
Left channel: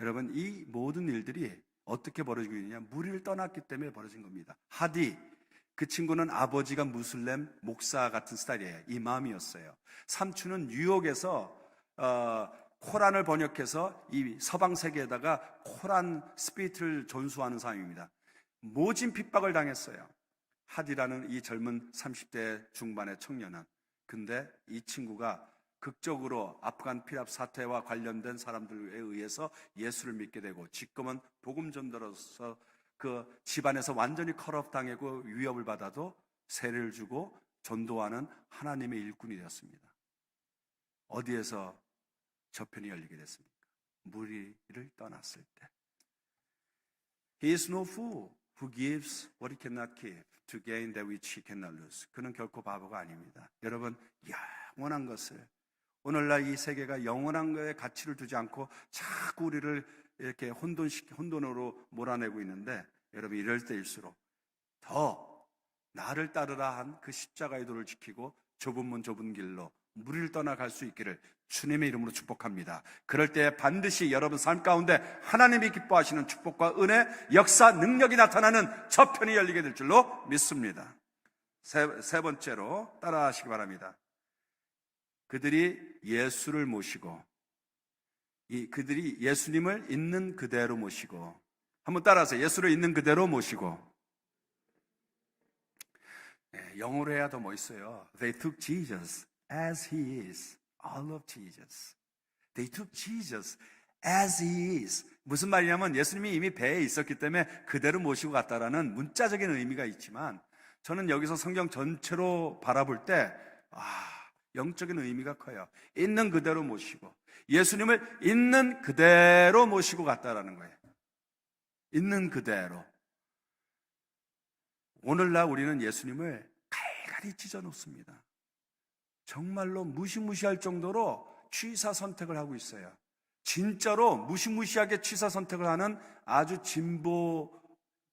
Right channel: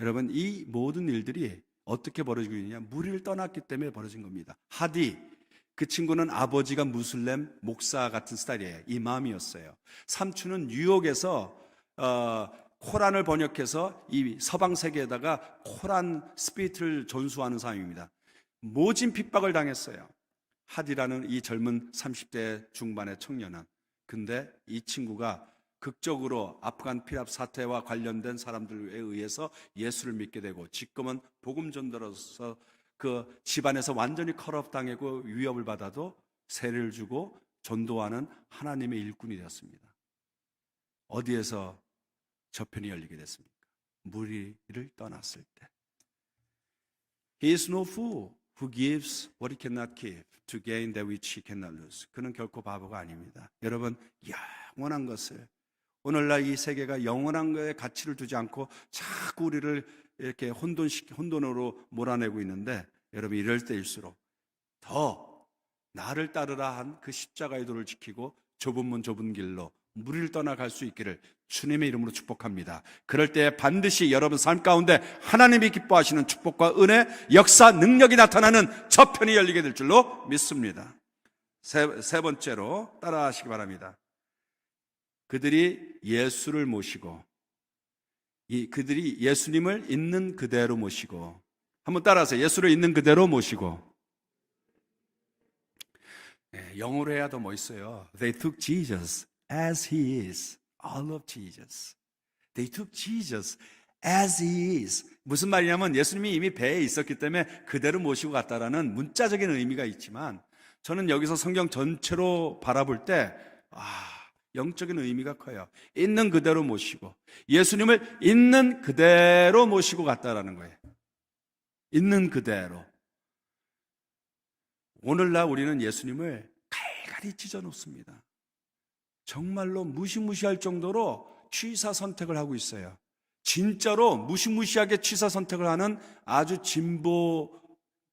여러분, 이 모든 일들이 어떻게 벌어지고 있느냐? 무리를 떠났기 때문에 벌어진 겁니다. 하디, 그 친구는 아버지가 무슬림 목사 같은 스타일이에요. 이맘이었어요. 삼촌은 뉴욕에서 코란을 번역해서 이 서방 세계에다가 코란 스피릿을 전수하는 사람입니다. 모진 핍박을 당했어요. 하디라는 이 젊은 30대 중반의 청년은. 근데 이 친구가 극적으로 아프간 피랍 사태와 관련된 사람들에 의해서 예수를 믿게 되고 지금은 복음 전도로서 그 집안에서 완전히 컷오프 당하고 위협을 받아도 세례를 주고 전도하는 하나님의 일꾼이 되었습니다. 어디에서 저편이 열리게 됐습니까? 무리를 떠났을 때. He is no fool who gives what he cannot keep to gain that which he cannot lose. 그는 결코 바보가 아닙니다. 여러분, 영원한 것을 오늘날 이 세계가 영원한 것에 가치를 두지 않고 자꾸 우리를 이렇게 혼돈으로 몰아내고 있는데 여러분 이럴 때일수록 더 나를 따르라 한 그 십자가의 도를 지키고 좁은 문 좁은 길로 무리를 떠나갈 수 있기를 주님의 이름으로 축복합니다. 그럴 때 반드시 여러분 삶 가운데 하나님이 기뻐하시는 축복과 은혜, 역사, 능력이 나타나는 저편이 열리게 될 줄로 믿습니다. 세 번째로 따라하시기 바랍니다. 그들이 예수를 모시고 그들이 예수님을 있는 그대로 모시고 한번 따라서 예수를 있는 그대로 모시고 영어로 해야 더 멋있어요. They took Jesus as He is. I love Jesus. They took Jesus as He is. 무슨 말이냐면 예수님이 이미 배에 있었기 때문에 그대로 모시고 갔다라는 문자적인 의미가 있지만 저는 여기서 성경 전체로 바라볼 때 영적인 의미가 커요. 있는 그대로 모시고 예수님을 있는 그대로 모시고 갔다라는 거예요. 있는 그대로. 오늘날 우리는 예수님을 갈갈이 찢어 놓습니다. 정말로 무시무시할 정도로 취사 선택을 하고 있어요. 진짜로 무시무시하게 취사 선택을 하는 아주 진보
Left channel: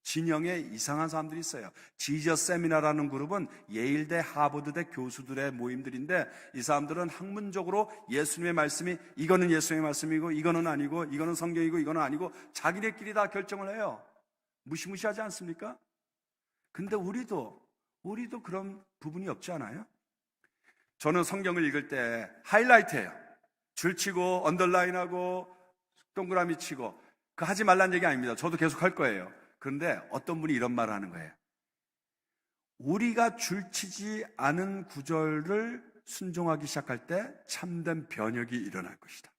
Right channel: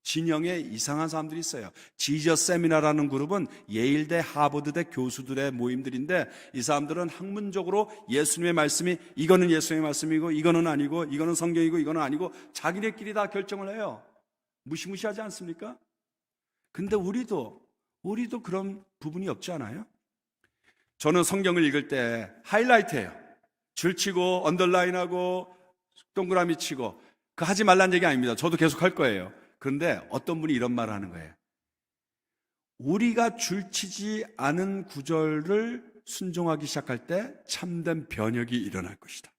진영의 이상한 사람들이 있어요. 지저스 세미나라는 그룹은 예일대, 하버드대 교수들의 모임들인데 이 사람들은 학문적으로 예수님의 말씀이 이거는 예수님의 말씀이고 이거는 아니고 이거는 성경이고 이거는 아니고 자기네끼리 다 결정을 해요. 무시무시하지 않습니까? 근데 우리도 그런 부분이 없지 않아요? 저는 성경을 읽을 때 하이라이트해요. 줄치고 언더라인하고 동그라미 치고 그거 하지 말라는 얘기 아닙니다. 저도 계속 할 거예요. 그런데 어떤 분이 이런 말을 하는 거예요. 우리가 줄치지 않은 구절을 순종하기 시작할 때 참된 변혁이 일어날 것이다.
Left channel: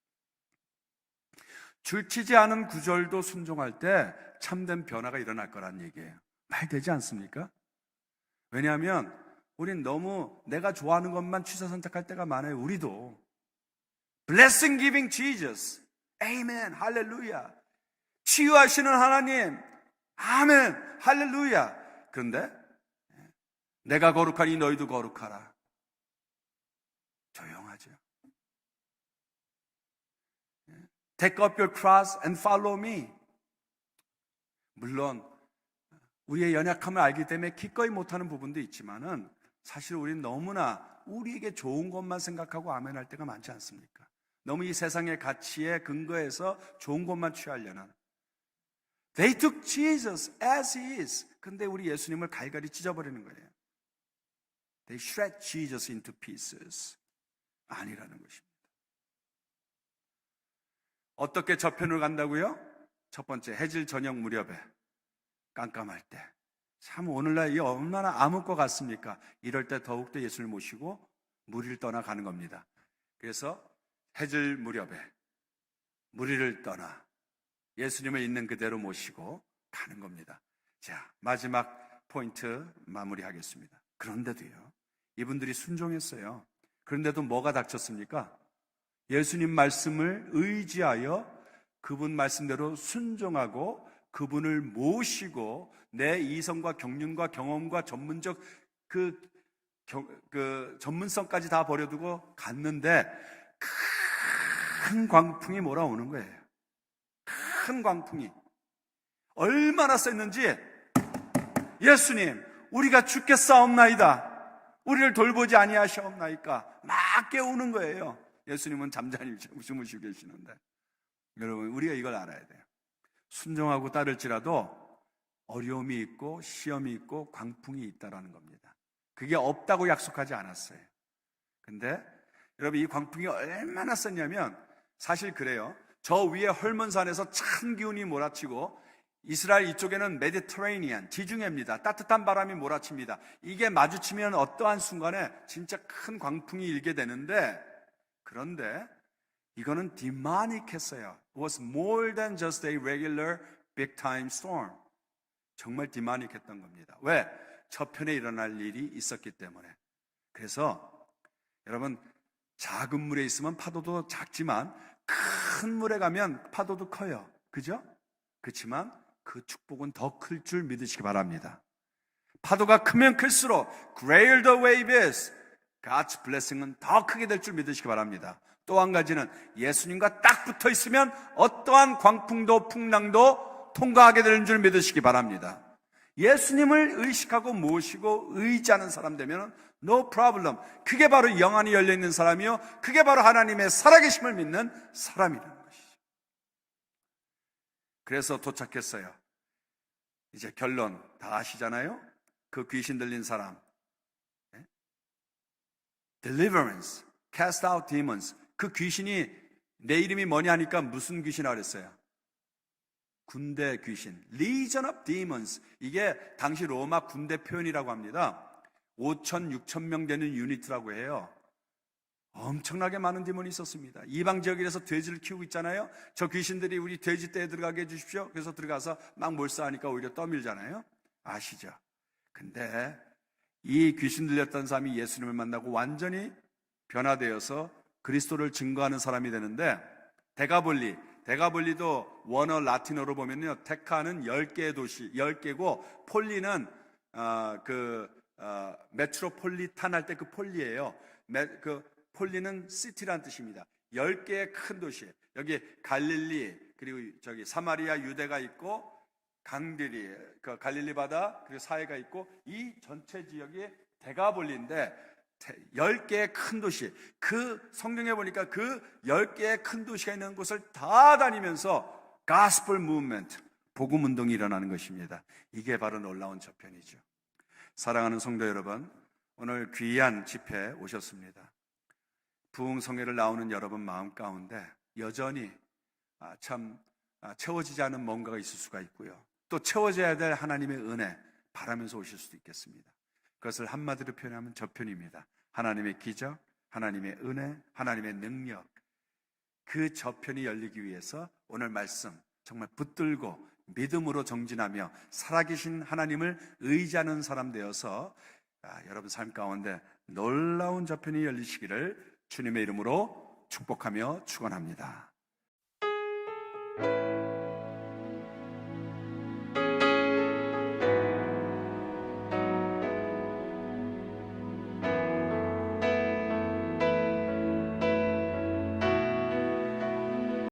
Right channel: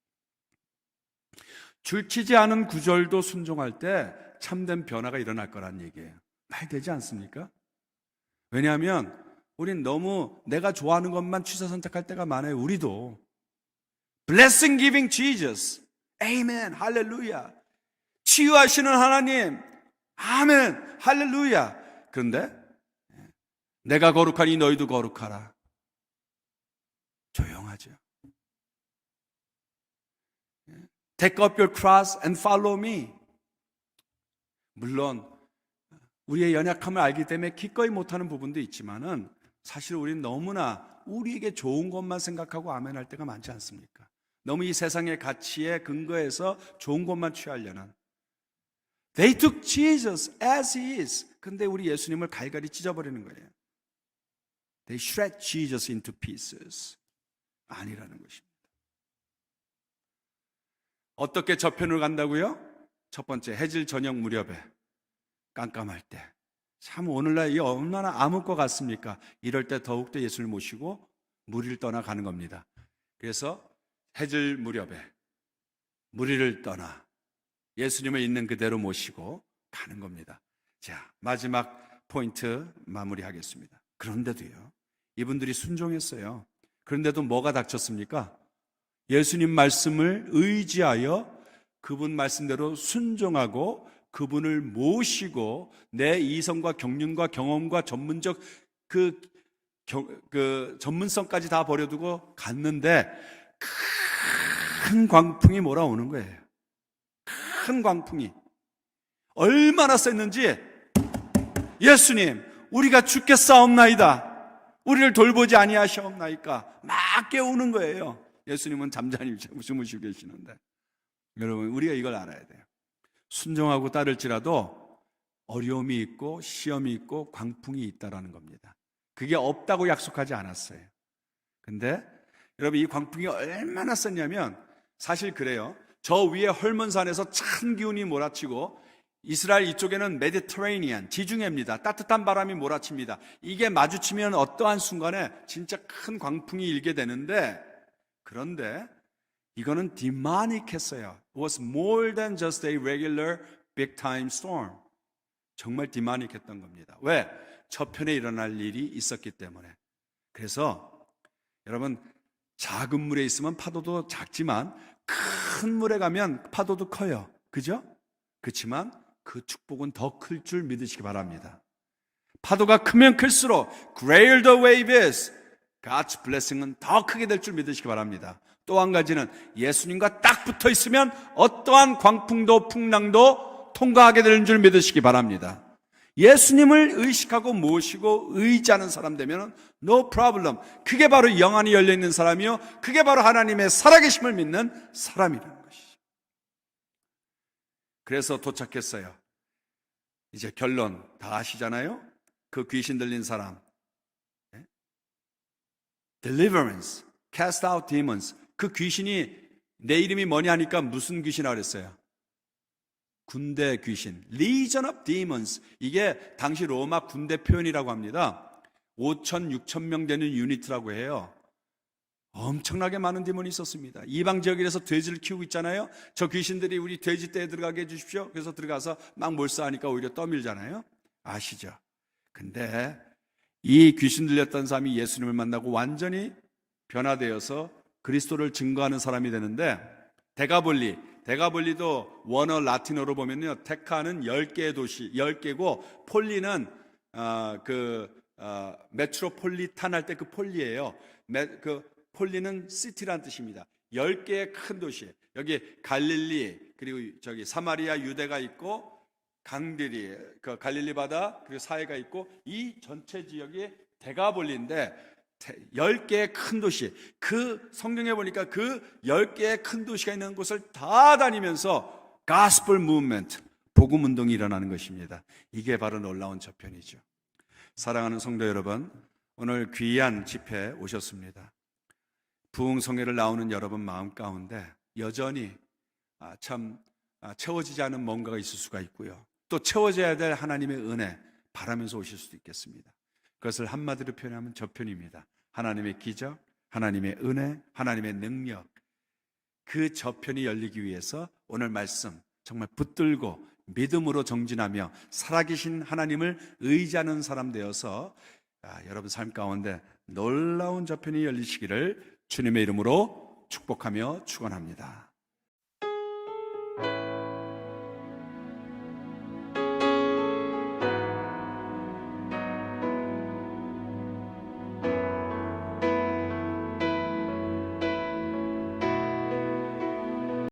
줄치지 않은 구절도 순종할 때 참된 변화가 일어날 거란 얘기예요. 말 되지 않습니까? 왜냐하면 우린 너무 내가 좋아하는 것만 취사 선택할 때가 많아요. 우리도 Blessing giving Jesus. Amen. 할렐루야. 치유하시는 하나님. 아멘. 할렐루야. 그런데 내가 거룩하니 너희도 거룩하라. 조용하죠. Take up your cross and follow me. 물론 우리의 연약함을 알기 때문에 기꺼이 못하는 부분도 있지만은 사실 우리는 너무나 우리에게 좋은 것만 생각하고 아멘할 때가 많지 않습니까? 너무 이 세상의 가치에 근거해서 좋은 것만 취하려는. They took Jesus as he is. 근데 우리 예수님을 갈갈이 찢어버리는 거예요. They shred Jesus into pieces. 아니라는 것입니다. 어떻게 저편으로 간다고요? 첫 번째, 해질 저녁 무렵에 깜깜할 때. 참 오늘날 이 얼마나 암흑 것 같습니까? 이럴 때 더욱더 예수를 모시고 무리를 떠나 가는 겁니다. 그래서 해질 무렵에 무리를 떠나 예수님을 있는 그대로 모시고 가는 겁니다. 자, 마지막 포인트 마무리하겠습니다. 그런데도요, 이분들이 순종했어요. 그런데도 뭐가 닥쳤습니까? 예수님 말씀을 의지하여 그분 말씀대로 순종하고 그분을 모시고 내 이성과 경륜과 경험과 전문적 그 전문성까지 다 버려두고 갔는데 큰 광풍이 몰아오는 거예요. 큰 광풍이 얼마나 셌는지, 예수님 우리가 죽겠사옵나이다, 우리를 돌보지 아니하시옵나이까 막 깨우는 거예요. 예수님은 잠잠히 주무시고 계시는데, 여러분 우리가 이걸 알아야 돼요. 순종하고 따를지라도 어려움이 있고 시험이 있고 광풍이 있다라는 겁니다. 그게 없다고 약속하지 않았어요. 근데 여러분 이 광풍이 얼마나 셌냐면, 사실 그래요. 저 위에 헐몬산에서 찬 기운이 몰아치고 이스라엘 이쪽에는 메디터레이니안, 지중해입니다. 따뜻한 바람이 몰아칩니다. 이게 마주치면 어떠한 순간에 진짜 큰 광풍이 일게 되는데, 그런데 이거는 디마닉했어요. It was more than just a regular big time storm. 정말 디마닉했던 겁니다. 왜? 저편에 일어날 일이 있었기 때문에. 그래서 여러분, 작은 물에 있으면 파도도 작지만 큰 물에 가면 파도도 커요. 그죠? 그렇지만 그 축복은 더 클 줄 믿으시기 바랍니다. 파도가 크면 클수록 greater the wave is, God's blessing은 더 크게 될 줄 믿으시기 바랍니다. 또 한 가지는 예수님과 딱 붙어 있으면 어떠한 광풍도 풍랑도 통과하게 되는 줄 믿으시기 바랍니다. 예수님을 의식하고 모시고 의지하는 사람 되면 no problem. 그게 바로 영안이 열려있는 사람이요, 그게 바로 하나님의 살아계심을 믿는 사람이라는 것이죠. 그래서 도착했어요. 이제 결론 다 아시잖아요. 그 귀신 들린 사람, deliverance, cast out demons. 그 귀신이 내 이름이 뭐냐 하니까 무슨 귀신이라고 그랬어요? 군대 귀신, Legion of Demons. 이게 당시 로마 군대 표현이라고 합니다. 5천, 6천 명 되는 유니트라고 해요. 엄청나게 많은 디몬이 있었습니다. 이방 지역에서 돼지를 키우고 있잖아요. 저 귀신들이 우리 돼지 떼에 들어가게 해주십시오. 그래서 들어가서 막 몰사하니까 오히려 떠밀잖아요. 아시죠? 근데 이 귀신 들렸던 사람이 예수님을 만나고 완전히 변화되어서 그리스도를 증거하는 사람이 되는데, 데가볼리도 원어 라틴어로 보면요, 테카는 10개의 도시, 10개고 폴리는 메트로폴리탄 할 때 그 폴리예요. 그 폴리는 시티란 뜻입니다. 10개의 큰 도시. 여기 갈릴리, 그리고 저기 사마리아, 유대가 있고, 강들이, 그 갈릴리 바다, 그리고 사해가 있고, 이 전체 지역이 데가볼리인데 10개의 큰 도시, 그 성경에 보니까 그 10개의 큰 도시가 있는 곳을 다 다니면서 가스펠 무브먼트, 복음 운동이 일어나는 것입니다. 이게 바로 놀라운 저편이죠. 사랑하는 성도 여러분, 오늘 귀한 집회에 오셨습니다. 부흥성회를 나오는 여러분 마음 가운데 여전히 채워지지 않은 뭔가가 있을 수가 있고요, 또 채워져야 될 하나님의 은혜 바라면서 오실 수도 있겠습니다. 그것을 한마디로 표현하면 저편입니다. 하나님의 기적, 하나님의 은혜, 하나님의 능력, 그 저편이 열리기 위해서 오늘 말씀 정말 붙들고 믿음으로 정진하며 살아계신 하나님을 의지하는 사람 되어서 여러분 삶 가운데 놀라운 저편이 열리시기를 주님의 이름으로 축복하며 축원합니다.